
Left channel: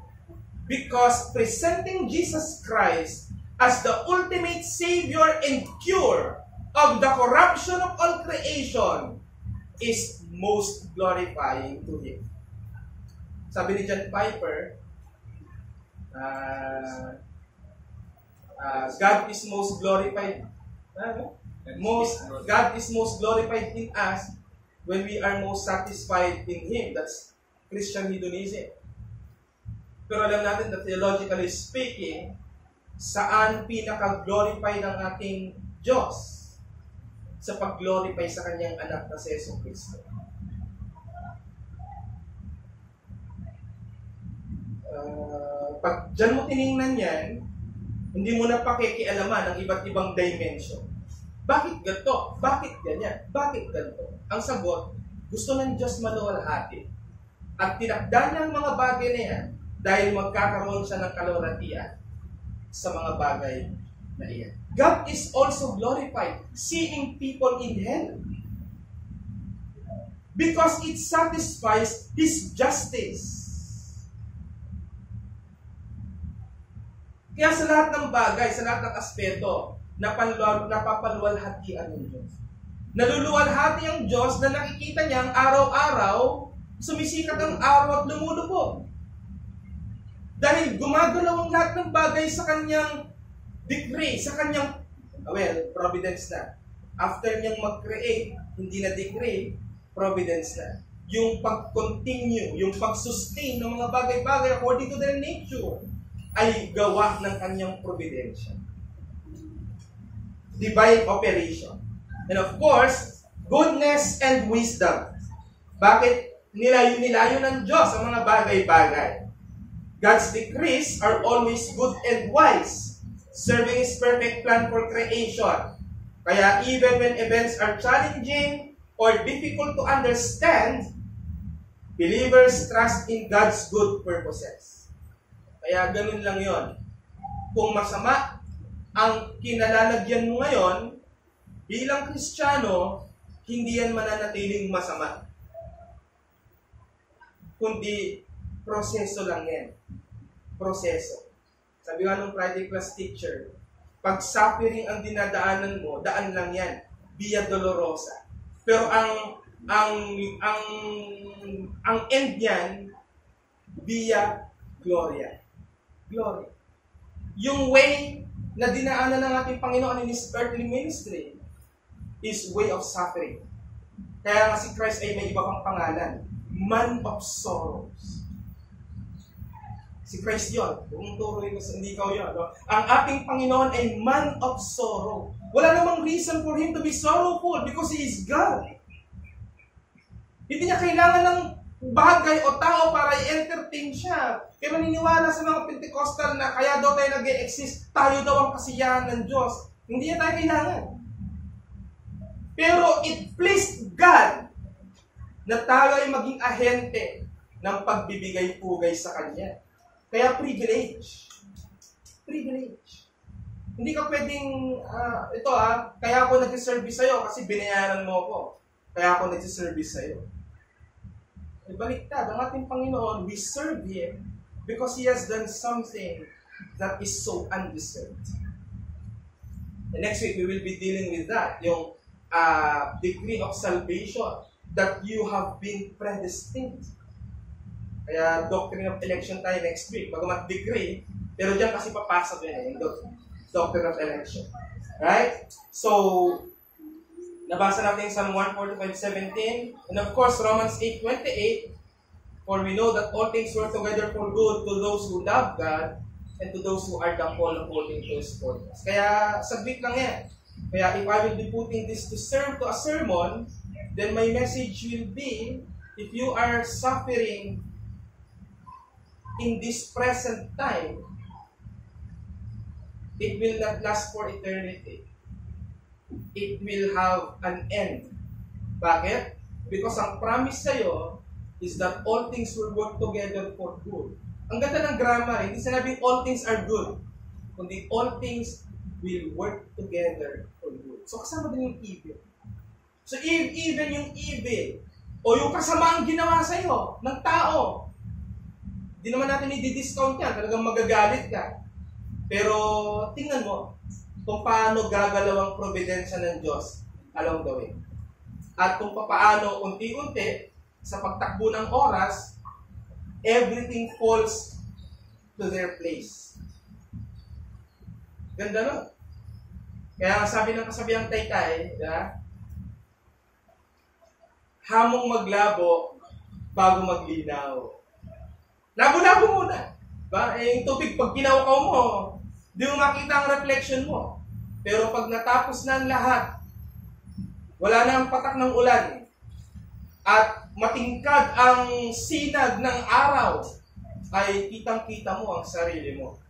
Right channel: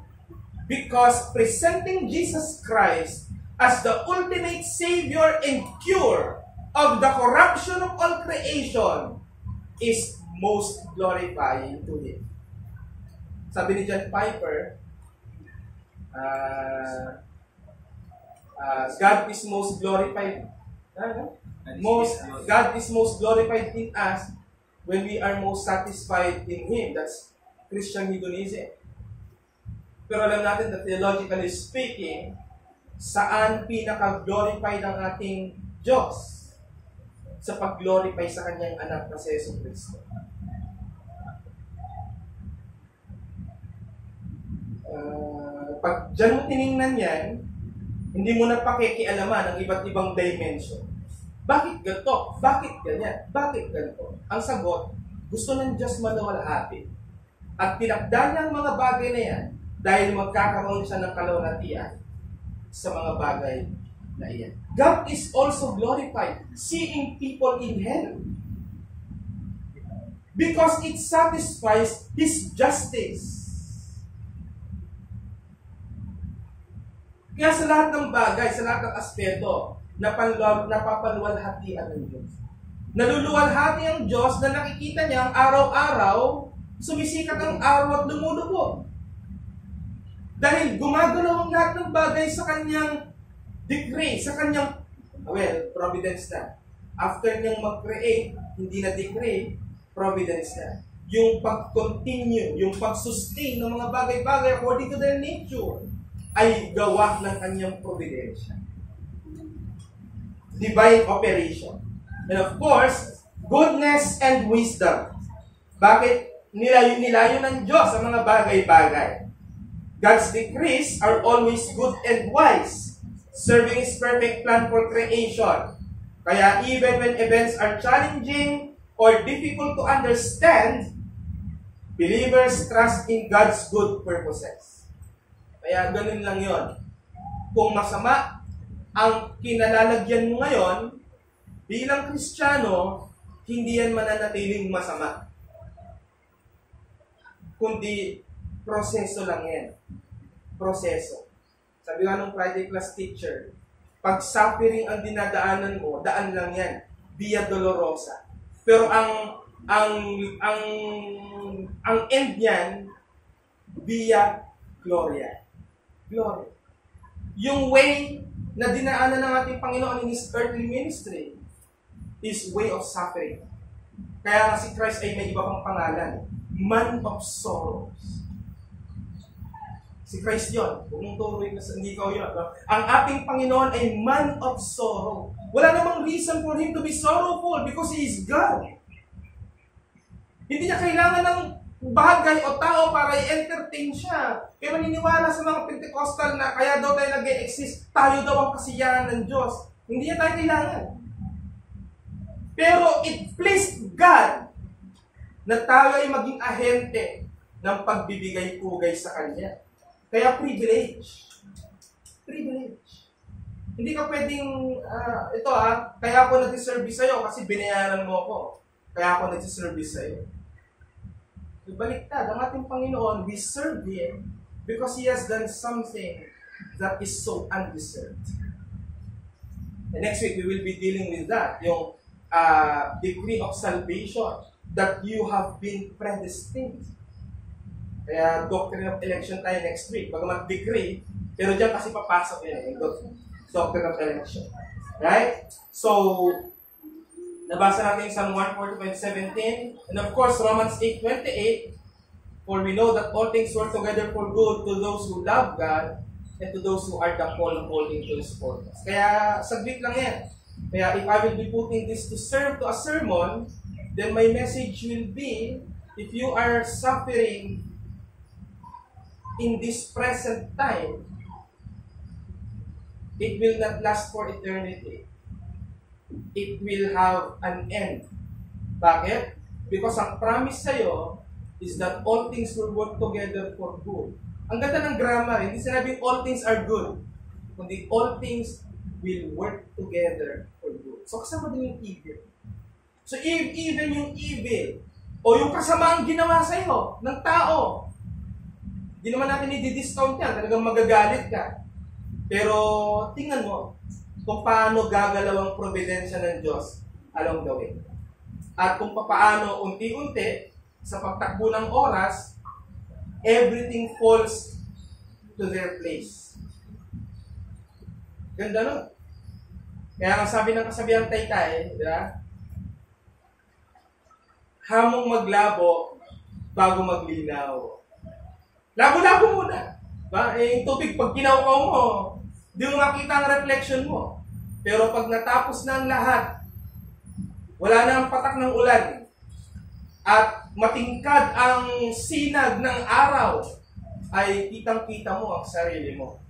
because presenting Jesus Christ as the ultimate Savior and cure of the corruption of all creation is most glorifying to Him. Sabi ni John Piper, God is most glorified. God is most glorified in us when we are most satisfied in Him. That's Christian hedonism. Pero alam natin that theologically speaking, saan pinaka-glorified ang ating Diyos? Sa pag-glorify sa Kanyang anak na si Yesu Cristo. Pag dyan mo tinignan yan, hindi mo na pakikialaman ang iba't ibang dimension. Bakit ganito? Bakit ganyan? Bakit ganito? Ang sagot, gusto ng Diyos maluwalhati. At tinakda niya ang mga bagay na yan dahil magkakaroon siya ng kaloratian sa mga bagay na iyan. God is also glorified seeing people in hell because it satisfies His justice. Kaya sa lahat ng bagay, sa lahat ng aspeto, napapaluwalhatian ng Diyos. Naluluwalhati ang Diyos na nakikita niya ang araw-araw sumisikat ang araw at lumulubog. Dahil gumagalaw ang lahat ng bagay sa kanyang decree, sa kanyang, providence na. After niyang mag-create, hindi na decree, providence na. Yung pag-continue, yung pag-sustain ng mga bagay-bagay according to their nature, ay gawa ng kanyang providensya. Divine operation. And of course, goodness and wisdom. Bakit nilayo ng Diyos ang mga bagay-bagay? God's decrees are always good and wise, serving His perfect plan for creation. Kaya even when events are challenging or difficult to understand, believers trust in God's good purposes. Kaya ganun lang yon. Kung masama ang kinalalagyan mo ngayon, bilang Kristiyano, hindi yan mananatiling masama. Kundi, proseso lang yan. Proseso. Sabi nga nung Friday class teacher, pag suffering ang dinadaanan mo, daan lang yan. Via dolorosa. Pero ang end yan, via gloria. Glory. Yung way na dinaanan ng ating Panginoon in His earthly ministry is way of suffering. Kaya nga si Christ ay may iba pang pangalan. Man of sorrows. Si Christ yun. Kung turuin na hindi ikaw yun. No? Ang ating Panginoon ay man of sorrow. Wala namang reason for Him to be sorrowful because He is God. Hindi niya kailangan ng bagay o tao para i-entertain siya. Pero niniwala sa mga Pentecostal na kaya daw tayo nag-e-exist, tayo daw ang kasiyahan ng Diyos. Hindi niya tayo kailangan. Pero it pleased God na tayo ay maging ahente ng pagbibigay-pugay sa Kanya. Kaya privilege. Privilege. Hindi ka pwedeng, kaya ako nag-service sa'yo kasi binayaran mo ako. Kaya ako nag-service sa'yo. Baliktad, ang ating Panginoon, we serve Him because He has done something that is so undeserved. And next week, we will be dealing with that, yung decree of salvation, that you have been predestined. Kaya doctrine of election tayo next week, bagamat decree, pero dyan kasi papasok yun, yung doctrine of election. Right? So, nabasa natin Psalm 145:17, and of course, Romans 8:28, for we know that all things work together for good to those who love God and to those who are the called according to His purpose. Kaya, saglit lang yan. Kaya, if I will be putting this to serve to a sermon, then my message will be, if you are suffering in this present time, it will not last for eternity. It will have an end. Bakit? Because ang promise sa'yo is that all things will work together for good. Ang ganda ng grammar, hindi sinabing all things are good, kundi all things will work together for good. So kasama din yung evil. So even yung evil, o yung kasamaang ginawa sa'yo ng tao, hindi naman natin i-discount yan, talagang magagalit ka. Pero tingnan mo kung paano gagalaw ang providensya ng Diyos along the way. At kung paano unti-unti, sa pagtakbo ng oras, everything falls to their place. Ganda no? Kaya ang sabi ng kasabihang Taytay, hamong maglabo bago maglinaw. Labo-labo muna. Yung tubig, pag kinaukaw mo, di mo makita ang reflection mo. Pero pag natapos na ang lahat, wala na ang patak ng ulan, at matingkad ang sinag ng araw, ay kitang-kita mo ang sarili mo.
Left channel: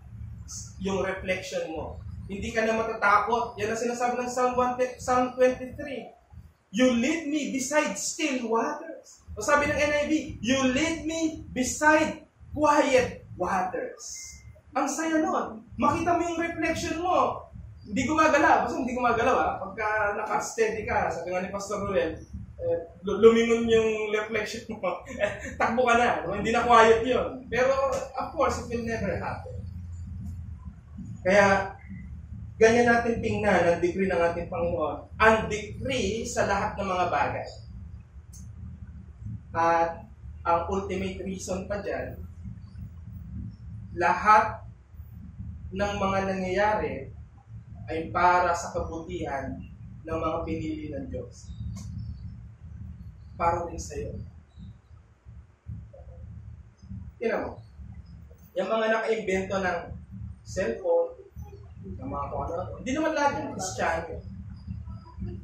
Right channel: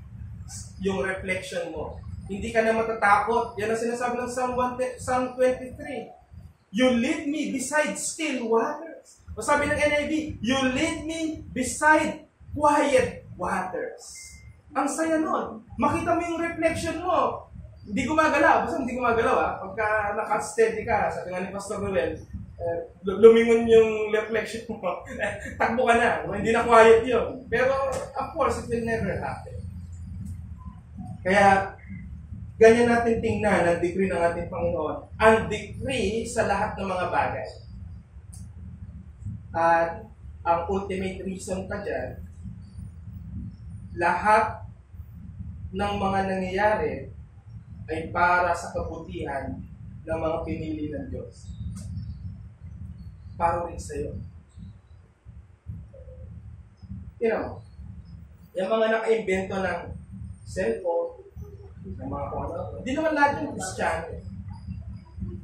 Yung reflection mo. Hindi ka na matatakot. Yan ang sinasabi ng Psalm 23. You lead me beside still waters. O sabi ng NIV, you lead me beside quiet waters. Ang saya nun. Makita mo yung reflection mo. Hindi gumagalaw. Basta hindi gumagalaw. Pagka naka-steady ka, sabi nga ni Pastor Ruel, lumingon yung reflection mo. Takbo ka na. Hindi na quiet yun. Pero, of course, it will never happen. Kaya, ganyan natin tingnan ang decree ng ating Panginoon. Ang decree sa lahat ng mga bagay. At ang ultimate reason pa dyan, lahat ng mga nangyayari ay para sa kabutihan ng mga pinili ng Diyos. Para rin sa'yo. Tingnan mo, yung mga naka-invento ng cellphone, ng mga kung ano, hindi naman lahat yung Kristiyano.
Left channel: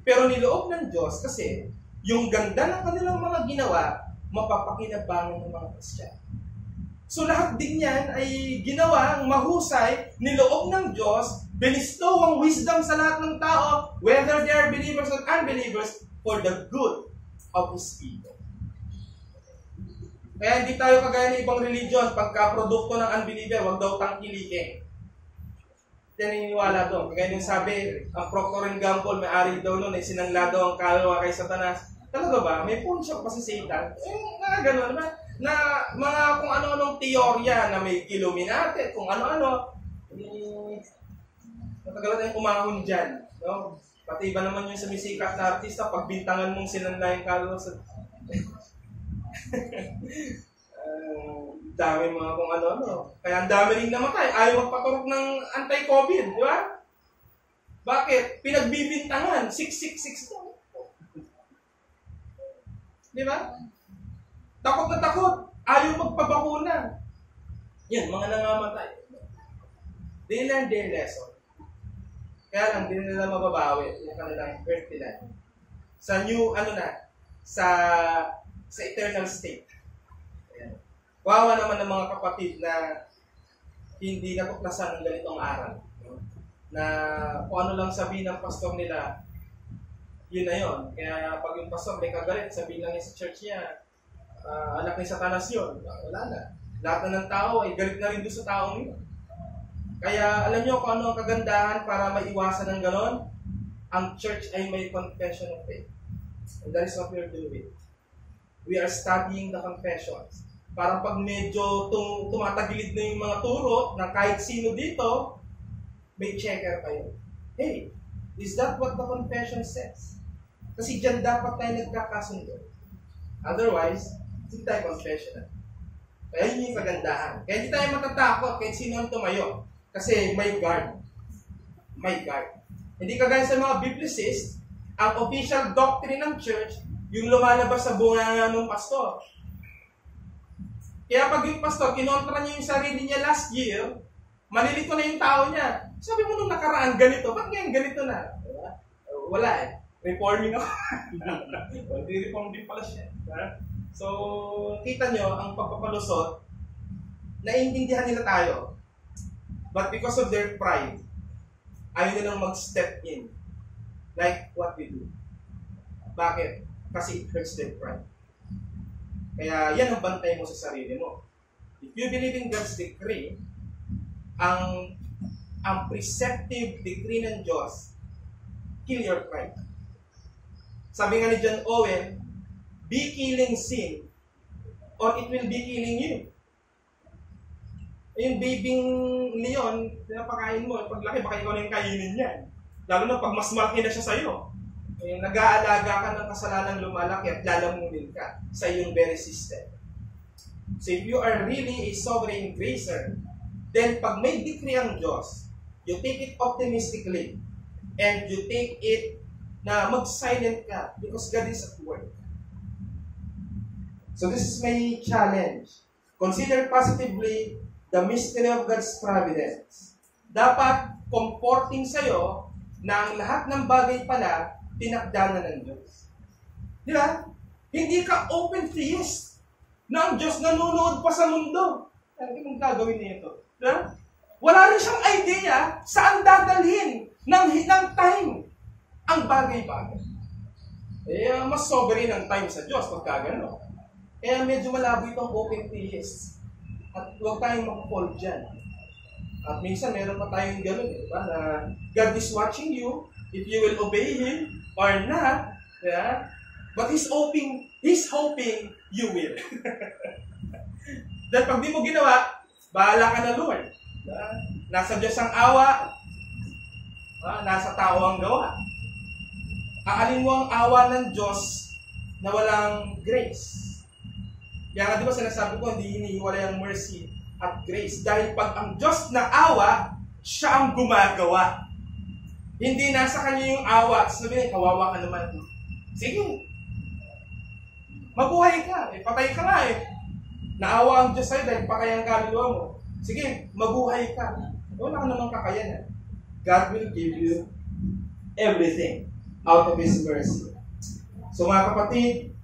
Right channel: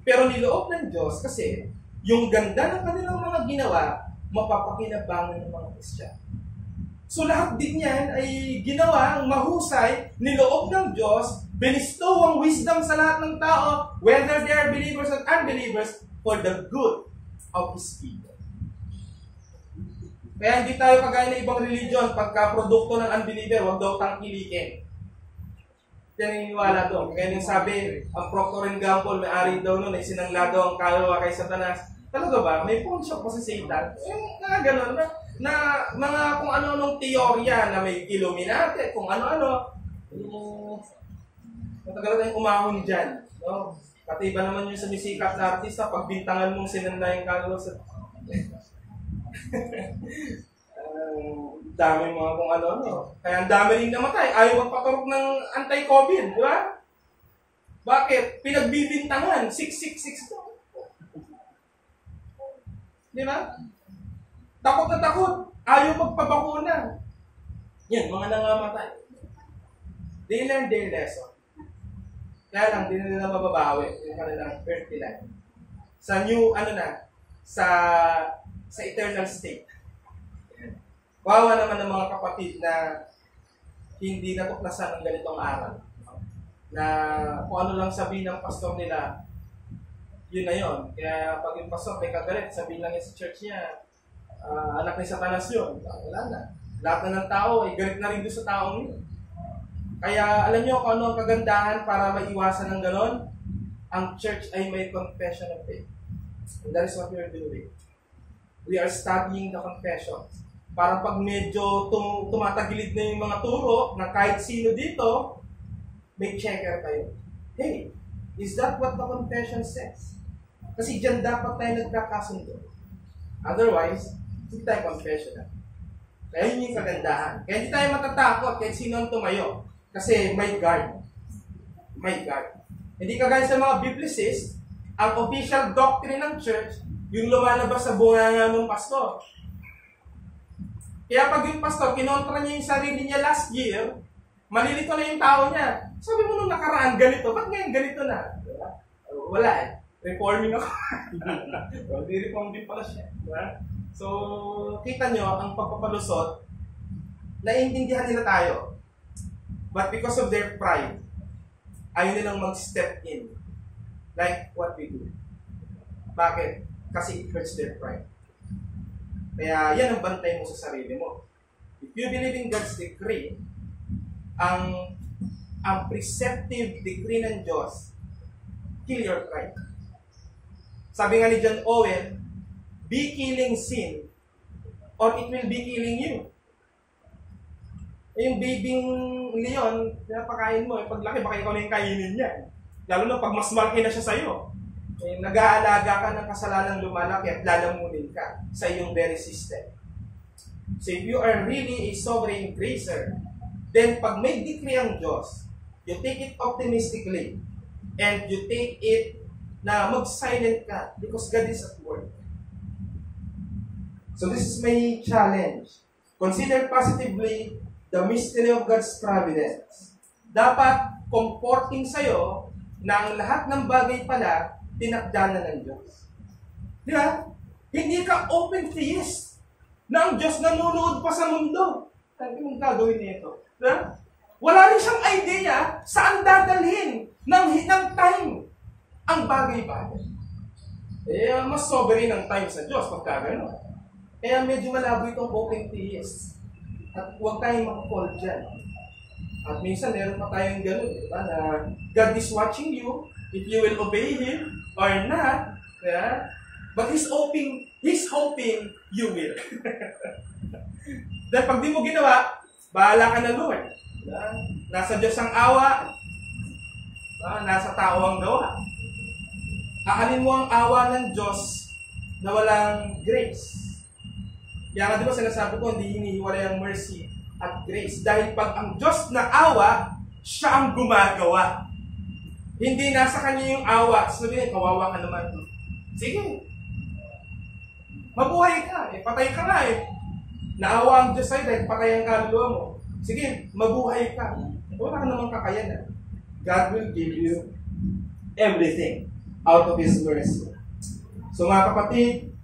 Pero niloob ng Diyos kasi yung ganda ng kanilang mga ginawa, mapapakinabangan ng mga Kristiyano. So lahat din yan ay ginawa ang mahusay, niloob ng Diyos, binistow ang wisdom sa lahat ng tao, whether they are believers or unbelievers, for the good of His people. Kaya hindi tayo kagaya ng ibang religion, pagka produkto ng unbeliever, huwag daw tangkilikin. Yan ang iniwala doon. Kaya nung sabi, ang Procter & Gamble, may-ari daw noon, ay sinangla daw ang kaluluwa kay Satanas. Talaga ba? May pawn shop pa si Satan? Mga gano'n ba? Na mga kung ano-anong teorya na may Illuminati, kung ano-ano. Matagal tayong umahon dyan. No? Pati iba naman yung sumisikat na artista, pagbintangan mong sinanla yung kaluluwa sa... dami mga kung ano-ano. Kaya ang dami rin namatay. Ayaw magpaturok ng anti-COVID, di ba? Bakit? Pinagbibintangan. 666 daw. Di ba? Takot na takot. Ayaw magpabakuna. Yan, mga nangamatay. They learned their lesson. Kaya lang, di nila mababawi yung kanilang earthly life. Sa new, sa eternal state. Ayan. Wawa naman ng mga kapatid na hindi natuklasan ng ganitong aral. No? Na kung ano lang sabihin ng pastor nila, yun na yun. Kaya pag yung pastor may kagalit, sabihin lang niya sa church niya, anak ni Satanas yun. Wala na. Lahat na ng tao ay galit na rin doon sa taong yun. Kaya alam niyo kung ano ang kagandahan para maiwasan ng ganon? Ang church ay may confession of faith. And that is what we are doing. We are studying the confessions. Para pag medyo tumatagilid na yung mga turo ng kahit sino dito, may checker kayo. Hey, is that what the confession says? Kasi dyan dapat tayo nagkakasundo. Otherwise, hindi tayo confessional. Kaya yun yung kagandahan. Kaya hindi tayo matatakot kahit sino ang tumayo. Kasi may guard. May guard. Hindi kagaya sa mga biblicist, ang official doctrine ng church, yung lumalabas sa bunganga ng pastor. Kaya pag yung pastor, kinontra niya yung sarili niya last year, malilito na yung tao niya. Sabi mo nung nakaraan, ganito. Ba't ngayon ganito na? Diba? Wala eh. Reforming ako. Well, di-reform din pala siya. Diba? So, kita nyo, ang pagpapalusot, naiintindihan nila tayo. But because of their pride, ayaw nilang mag-step in. Like what we do. Bakit? Kasi it hurts their pride. Kaya yan ang bantay mo sa sarili mo. If you believe in God's decree, ang preceptive decree ng Diyos, kill your pride. Sabi nga ni John Owen, be killing sin or it will be killing you. Yung babying leon, pinapakain mo, paglaki baka ikaw na yung kainin niya. Lalo na pag mas malaki na siya sa'yo. Nag-aalaga ka ng kasalanang lumalaki at lalamunin ka sa iyong very system. So if you are really a sovereign gracer, then pag may decree ang Diyos, you take it optimistically and you take it na mag-silent ka because God is at work. So this is my challenge. Consider positively the mystery of God's providence. Dapat comforting sa'yo na ang lahat ng bagay pala tinakda na ng Diyos. Di ba? Hindi ka open theist na ang Diyos nanonood pa sa mundo. Sabi mong gagawin niya ito. Diba? Wala rin siyang idea saan dadalhin ng time ang bagay-bagay. Mas sovereign ang time sa Diyos pagka gano'n. Kaya medyo malabo itong open theist. At huwag tayong mag-fall dyan. At minsan meron pa tayong gano'n, diba? Na God is watching you if you will obey Him or not. Yeah? But He's hoping you will. Dahil pag di mo ginawa, bahala ka na, Lord. Diba? Nasa Diyos ang awa, nasa tao ang gawa. Aalin mo ang awa ng Diyos na walang grace. Kaya nga di ba sinasabi ko, hindi hinihiwalay ang mercy at grace. Dahil pag ang Diyos na awa, siya ang gumagawa. Hindi nasa kanya yung awa. Sabihin, kawawa ka naman. Sige. Mabuhay ka. Patay ka nga eh. Naawa ang Diyos sa'yo dahil patay ang kaluluwa mo. Sige, mabuhay ka. Wala ka namang kakayanan. God will give you everything out of His mercy. So mga kapatid,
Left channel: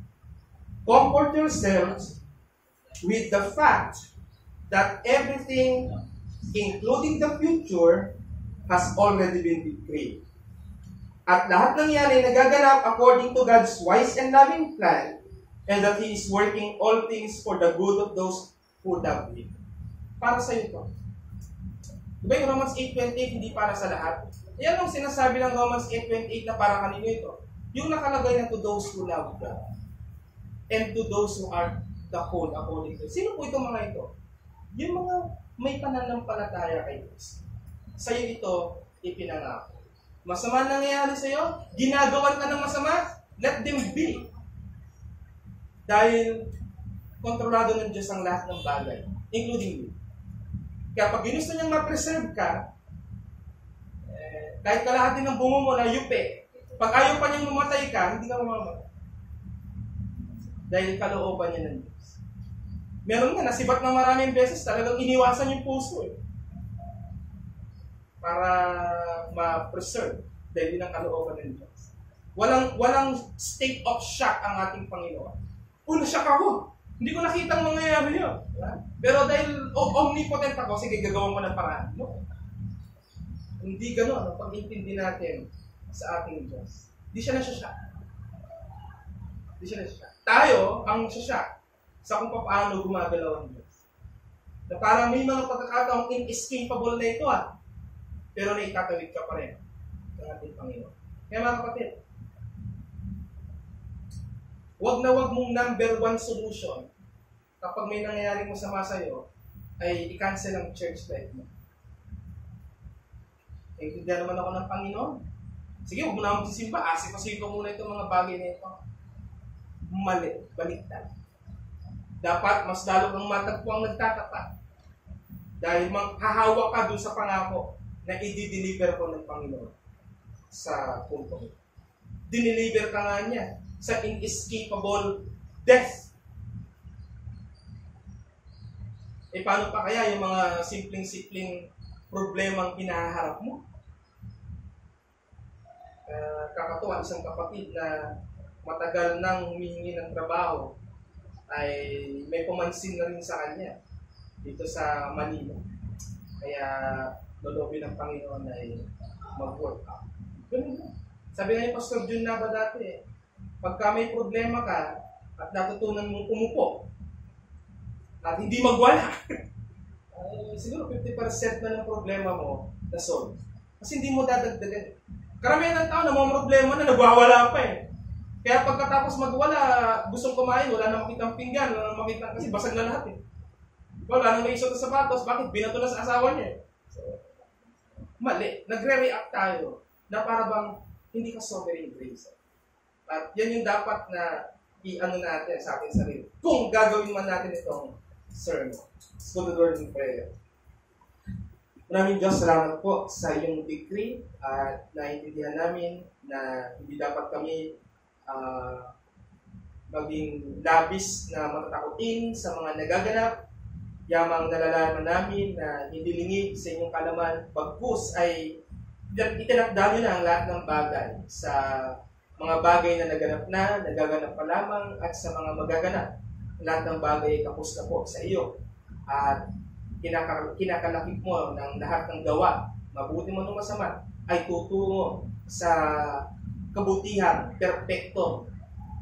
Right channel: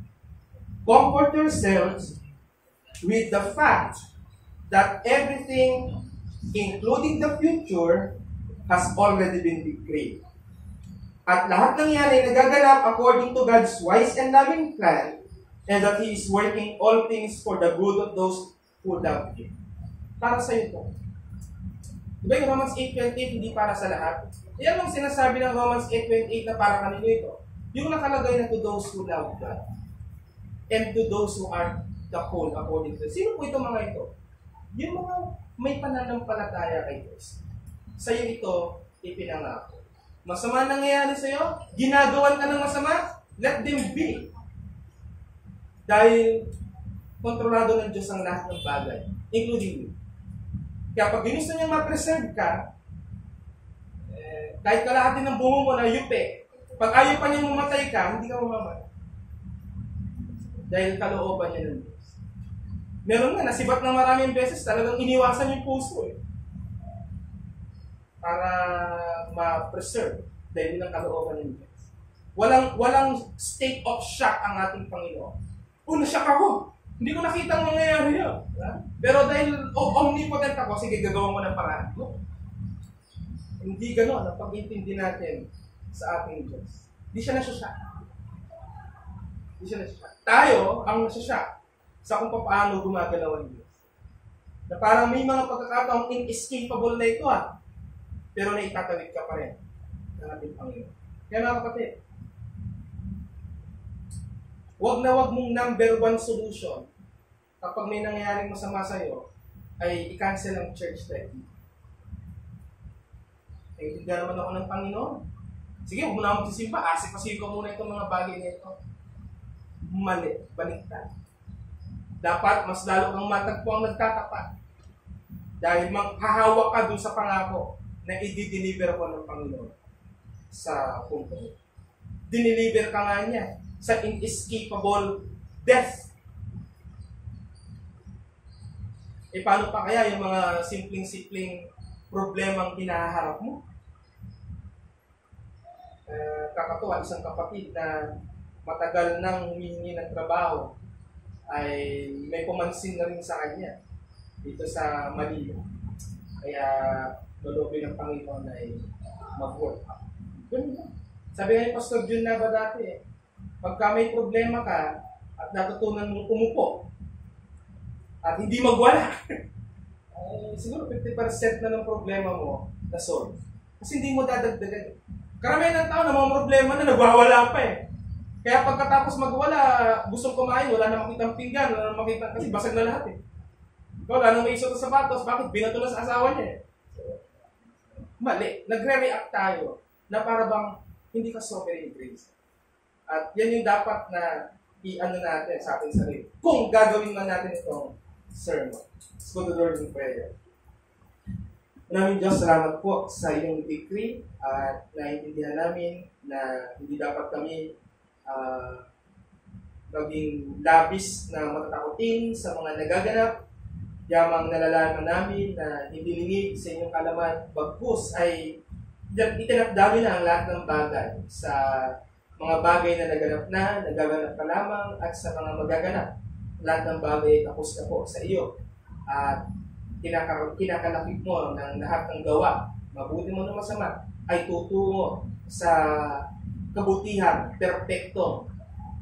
comfort yourselves with the fact that everything, including the future, has already been decreed. At lahat ng yan ay nagaganap according to God's wise and loving plan, and that He is working all things for the good of those who love Him. Para sa iyo to. Diba yung Romans 8:28 hindi para sa lahat? Yan ang sinasabi ng Romans 8:28 na para kanino ito. Yung nakalagay na to those who love God and to those who are the called according to. Sino po itong mga ito? Yung mga may pananampalataya kay Diyos. Sa iyo ito ipinangako. Masama nangyayari sa iyo, ginagawan ka ng masama, let them be. Dahil kontrolado ng Diyos ang lahat ng bagay, including you. Kaya pag ginusto niyang ma-preserve ka, kahit kalahati ng bungo mo na yupe, pag ayaw pa niyang mamatay ka, hindi ka mamamatay. Dahil kalooban niya ng Diyos. Meron nga, nasibat ng maraming beses, talagang iniwasan yung puso eh. Para ma-preserve dahil yun ang kalooban ng Diyos. Walang state of shock ang ating Panginoon. Na-shock ako. Hindi ko nakita ang mangyayari yun. Pero dahil omnipotent ako, sige, gagawin mo ng paraan. No. Hindi gano'n ang pag-intindi natin sa ating Diyos. Hindi siya na-shock. Hindi siya na-shock. Tayo ang na-shock sa kung paano gumagalaw ang Diyos. Na parang may mga pagkakataong inescapable na ito pero naitatawid ka pa rin ng ating Panginoon. Kaya mga kapatid, wag na wag mong number one solution kapag may nangyayaring masama sa'yo ay i-cancel ang church life mo. Naintindihan naman ako ng Panginoon. Sige, huwag mo na magsisimba. Asik-asik ko muna itong mga bagay na ito. Mali. Baliktad. Dapat mas lalo kang matagpo ang nagtatapat. Dahil hahawak ka dun sa pangako na i-deliver ko ng Panginoon sa punto. Dineliver ka nga niya sa inescapable death. Paano pa kaya yung mga simpleng-simpleng problemang hinaharap mo? Kakatuwa, isang kapatid na matagal nang humihingi ng trabaho ay may pumansin na rin sa kanya dito sa Manila. Kaya lolobin ng Panginoon ay mag-work out. Ganun na. Sabi nga ni Pastor Jun na ba dati, pagka may problema ka at natutunan mong umupo at hindi magwala, ay siguro 50% na ng problema mo na solve. Kasi hindi mo dadagdagan. Karamihan ng tao na mga problema na nagwawala pa eh. Kaya pagkatapos magwala, gustong kumain, wala na makitang pinggan, wala na makita, kasi basag na lahat eh. Wala nang maisot sa sapatos, bakit? Binato na sa asawa niya eh. So, mali. Nagre-react tayo na para bang hindi ka sovereign grace. At yan yung dapat na i-ano natin sa ating sarili. Kung gagawin man natin itong sermon. Let's go to the Lord in prayer. Maraming Diyos, salamat po sa iyong decree at naiintindihan namin na hindi dapat kami maging labis na matatakutin sa mga nagaganap. Yamang nalalaman namin na hindi lingid sa inyong kalaman, bagkus ay itinakdami na ang lahat ng bagay sa mga bagay na nagaganap pa lamang at sa mga magaganap. Lahat ng bagay ay tapos na po sa iyo. At kinakalakip mo ng lahat ng gawa, mabuti mo ng masama, ay tutungo sa kabutihan, perpekto,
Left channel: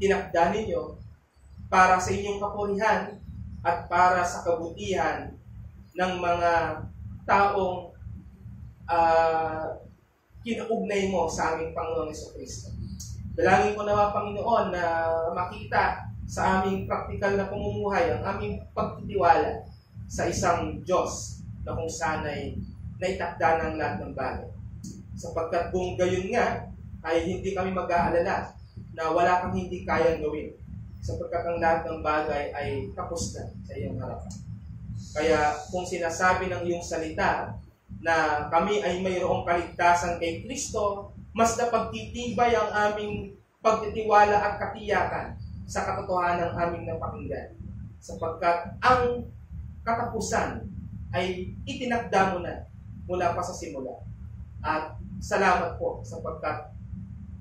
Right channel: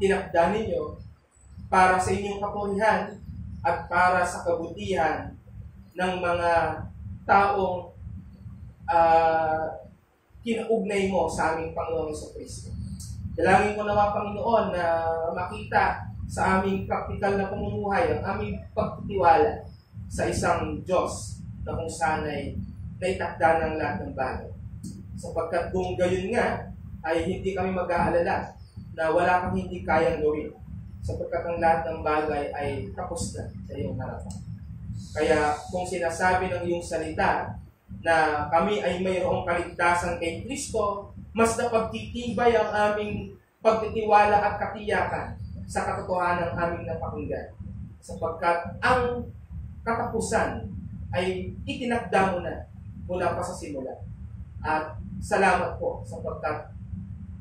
tinakda ninyo para sa inyong kapurihan at para sa kabutihan ng mga taong kinaugnay mo sa aming Panginoong Jesucristo. Dalangin ko nawa, Panginoon, na makita sa aming praktikal na pamumuhay ang aming pagtitiwala sa isang Diyos na kung sana'y naitakda ng lahat ng bagay. Sapagkat kung gayon nga, ay hindi kami mag-aalala na wala kang hindi kayang gawin sapagkat ang lahat ng bagay ay tapos na sa iyong harapan. Kaya kung sinasabi ng iyong salita na kami ay mayroong kaligtasan kay Kristo, mas napagtitibay ang aming pagtitiwala at katiyakan sa katotohanan ng aming napakinggan. Sapagkat ang katapusan ay itinakda mo na mula pa sa simula. At salamat po sapagkat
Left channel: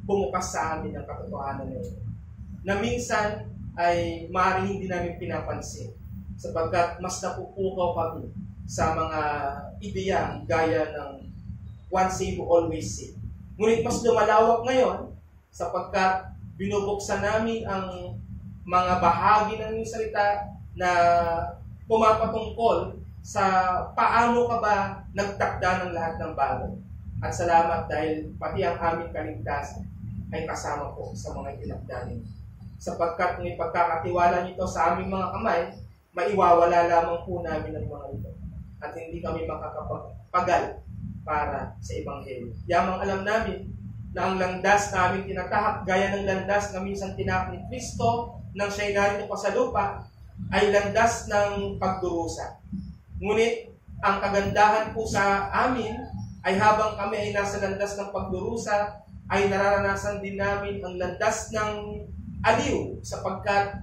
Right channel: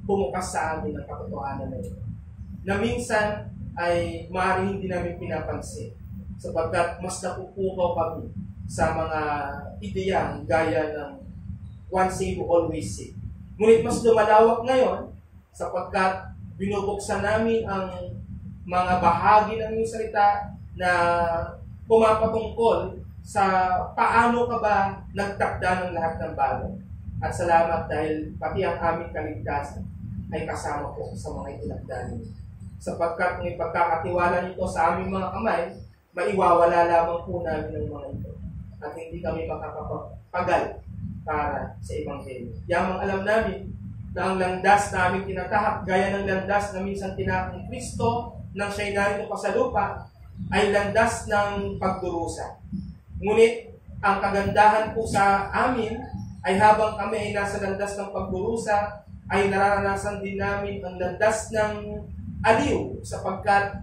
bumukas sa amin ang katotohanan na ito. Na minsan ay maaaring hindi namin pinapansin sapagkat mas napupukaw kami sa mga ideyang gaya ng one save, always save. Ngunit mas lumalawak ngayon sapagkat binubuksan namin ang mga bahagi ng iyong salita na pumapatungkol sa paano ka ba nagtakda ng lahat ng bagay. At salamat dahil pati ang aming kaligtasan ay kasama po sa mga itinakda ninyo. Sapagkat kung ipagkakatiwala nito sa aming mga kamay, maiwawala lamang po namin ang mga ito. At hindi kami makakapagal para sa Ebanghelyo. Yamang alam namin na ang landas na aming tinatahak, gaya ng landas na minsan tinahak ni Kristo nang siya'y narito pa sa lupa, ay landas ng pagdurusa. Ngunit ang kagandahan po sa amin ay habang kami ay nasa landas ng pagdurusa, ay nararanasan din namin ang landas ng aliw sapagkat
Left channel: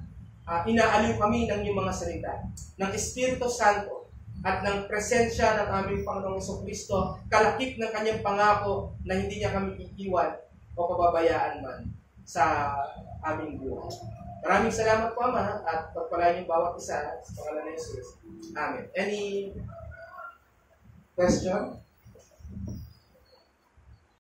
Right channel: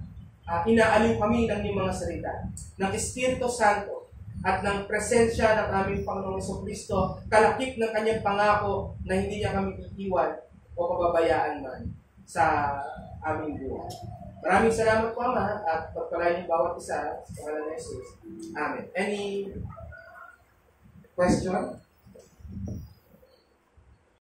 inaaliw kami ng iyong mga salita, ng Espiritu Santo at ng presensya ng aming Panginoong Jesucristo, kalakip ng kanyang pangako na hindi niya kami iiwan o pababayaan man sa aming buhay. Maraming salamat po, Ama, at pagpalain yung bawat isa sa pangalan ng Jesus. Amen. Any question?